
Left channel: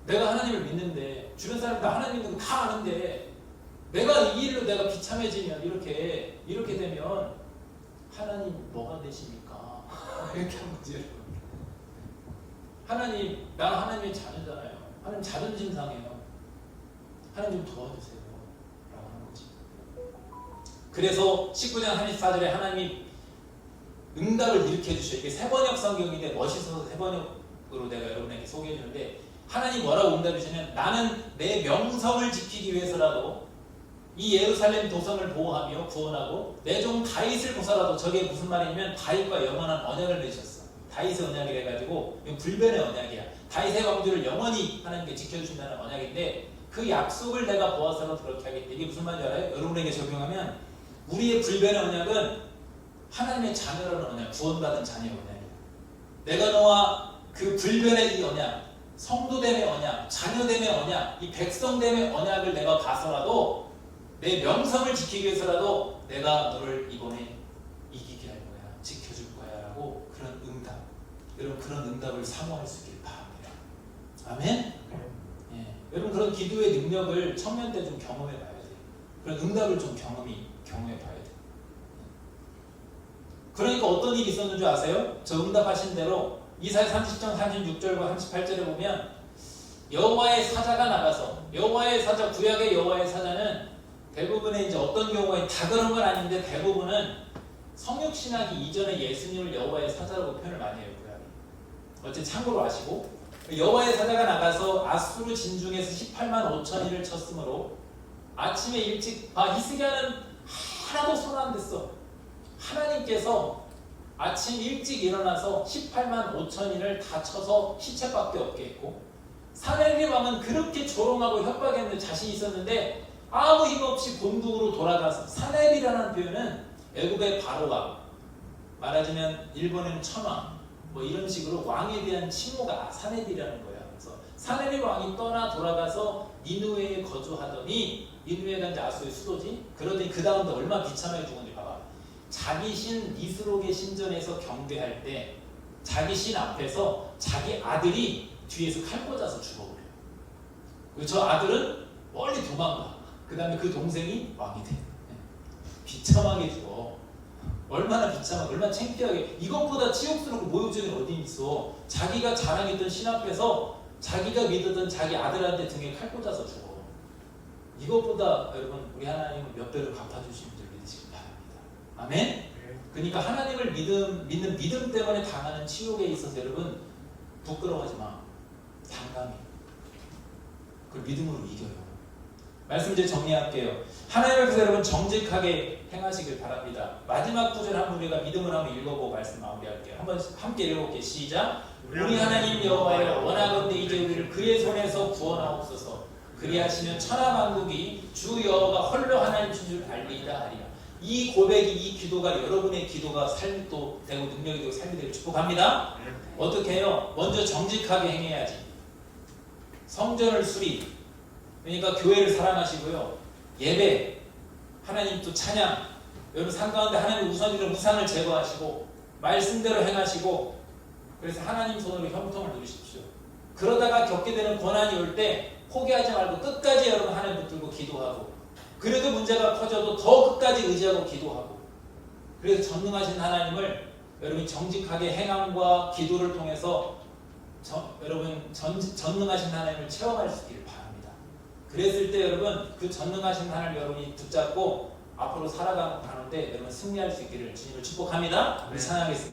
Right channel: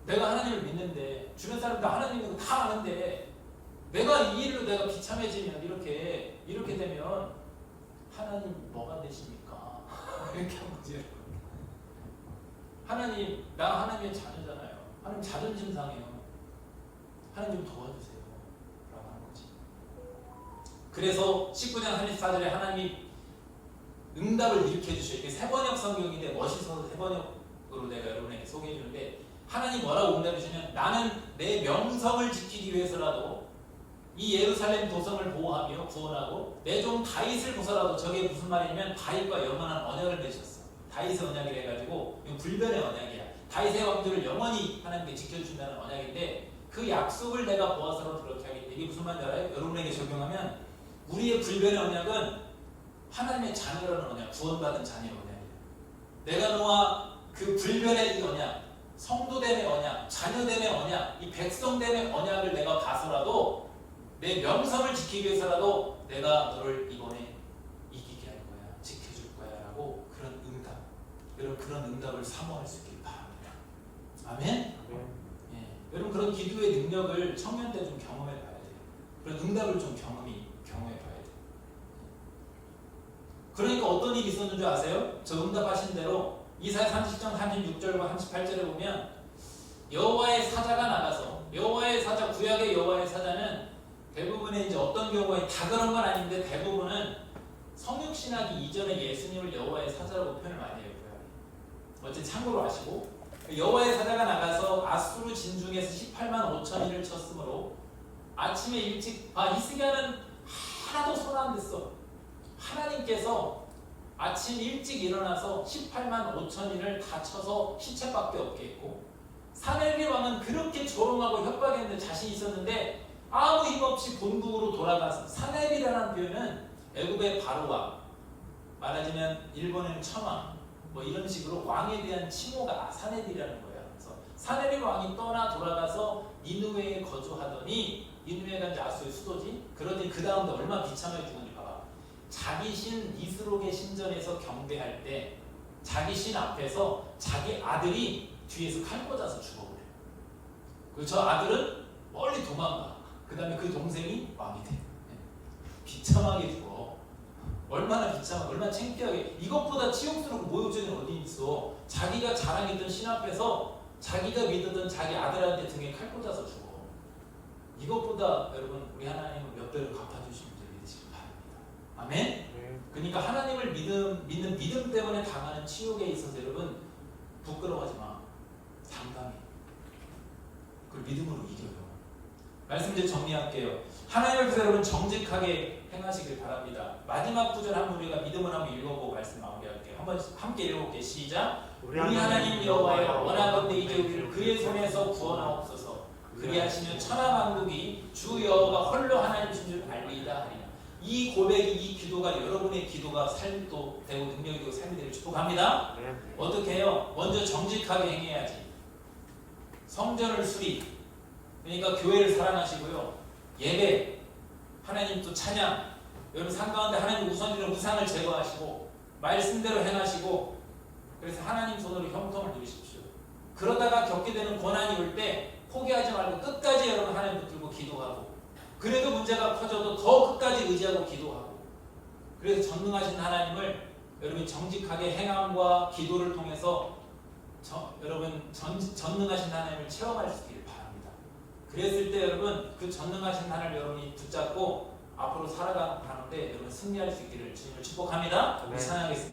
내가 하나님을 믿는데 주변 사람들 하나님 믿는 거 다 아는데 내가 이 일로 내가 비참해지면 이렇게 되면 하나님 뭐가 되십니까? 이렇게 한 거지 여러분. 하나님 나 하나님의 자녀잖아요. 하나님 자존심 상해요. 하나님 좀 도와주세요 라고 하는 거지. 그래서 19장 34절에 하나님이 응답을 일으켜주셔요. 이게 세번역 성경인데 멋있어서 세번역으로 내가 여러분에게 소개해주는데 하나님 뭐라고 응답해 주시냐면 나는 내 명성을 지키기 위해서라도 이 예루살렘 도성을 보호하며 구원하고 내 종 다윗을 보서라도. 저게 무슨 말이냐면 다윗과 영원한 언약을 맺으셨어. 다윗의 언약을 해가지고 이건 불변의 언약이야. 다윗의 왕조를 영원히 하나님께 지켜주신다는 언약인데 그 약속을 내가 보아서는 그렇게 하겠다. 이게 무슨 말인지 알아요? 여러분에게 적용하면 우리의 불변의 언약은 하나님의 자녀라는 언약, 구원받은 자녀의 언약. 내가 너와 그 불변의 이 언약, 성도됨의 언약, 자녀됨의 언약, 이 백성됨의 언약을 내가 봐서라도 내 명성을 지키기 위해서라도 내가 너를 이번에 이기게 할 거야, 지켜줄 거야 라고 그런 응답, 여러분 그런 응답을 사모할 수 있길 바랍니다. 아멘? 예. 여러분 그런 기도의 능력을 청년 때 좀 경험해 봐야 돼요. 그런 응답을 좀 경험해 봐야 돼요. 그러니까 어떤 일이 있었는 줄 아세요? 저 응답하신 대로 이사야 30장 36절과 38절에 보면 여호와의 사자가 나가서 여호와의 사자, 구약의 여호와의 사자는 대부분의 이제 어떤 경우에 다 그런 건 아닌데 대부분은 성육신하기 이전에 예수님을 여호와의 사자라고 표현을 많이 해요. 구약이. 어쨌든 참고로 아시고 여호와의 사자가 나가서 아수르 진중에서 18만 5천인을 쳤으므로 아침에 일찍 히스기야는 하나도 손 안 댔어. 하나님께서 아침 일찍 일어나서 18만 5천인을 다 쳐서 시체밖에 없게 했고 사내립 왕은 그렇게 조롱하고 협박했는데 자신이 있었는데 아무 힘없이 본국으로 돌아가서 사내립이라는 표현은 애굽의 바로왕, 말하자면 일본에는 천왕 뭐 이런 식으로 왕에 대한 칭호가 사내립이라는 거예요. 그래서 사내립 왕이 떠나 돌아가서 니누웨에 거주하더니 니누웨가 이제 아수의 수도지. 그러더니 그 다음도 얼마나 비참하게 죽었는지 봐봐. 자기 신 니스록의 신전에서 경배할 때 자기 신 앞에서 자기 아들이 뒤에서 칼 꽂아서 죽어버려요. 그리고 저 아들은 멀리 도망가. 그 다음에 그 동생이 왕이 돼. 비참하게 죽어. 얼마나 비참하고 얼마나 창피하게. 이것보다 치욕스럽고 모욕적인 어디 있어. 자기가 자랑했던 신 앞에서 자기가 믿었던 자기 아들한테 등에 칼 꽂아서 죽어. 이것보다 여러분 우리 하나님은 몇 배로 갚아주시는 줄 믿으시기 바랍니다. 아멘? 그러니까 하나님을 믿는 믿음 때문에 당하는 치욕에 있어서 여러분 부끄러워하지 마. 당당히 그걸 믿음으로 이겨요. 말씀 이제 정리할게요. 하나님 앞에서 여러분 정직하게 행하시길 바랍니다. 마지막 구절 한번 우리가 믿음을 한번 읽어보고 말씀 마무리할게요. 한번 함께 읽어볼게요. 시작. 우리 하나님 여호와여 원하건대 이제 우리를 그의 손에서 구원하옵소서. 그리하시면 천하만국이 주 여호와가 홀로 하나님이신 줄 알리이다 하리라. 이 고백이, 이 기도가 여러분의 기도가 삶도 되고 능력이 되고 삶이 되길 축복합니다. 어떻게 해요? 먼저 정직하게 행해야지. 성전을 수리, 그러니까 교회를 사랑하시고요. 예배, 하나님 또 찬양, 여러분 삶 가운데 하나님 우선으로 우상을 제거하시고 말씀대로 행하시고 그래서 하나님 손으로 형통을 누리십시오. 그러다가 겪게 되는 고난이 올 때 포기하지 말고 끝까지 여러분 하나님 붙들고 기도하고 그래도 문제가 커져도 더 끝까지 의지하고 기도하고 그래서 전능하신 하나님을 여러분이 정직하게 행함과 기도를 통해서 여러분 전능하신 하나님을 체험할 수 있기를 바랍니다. 그랬을 때 여러분 그 전능하신 하나님을 여러분이 붙잡고 앞으로 살아가는데 여러분 승리할 수 있기를 주님을 축복합니다. 우리 찬양하겠습니다.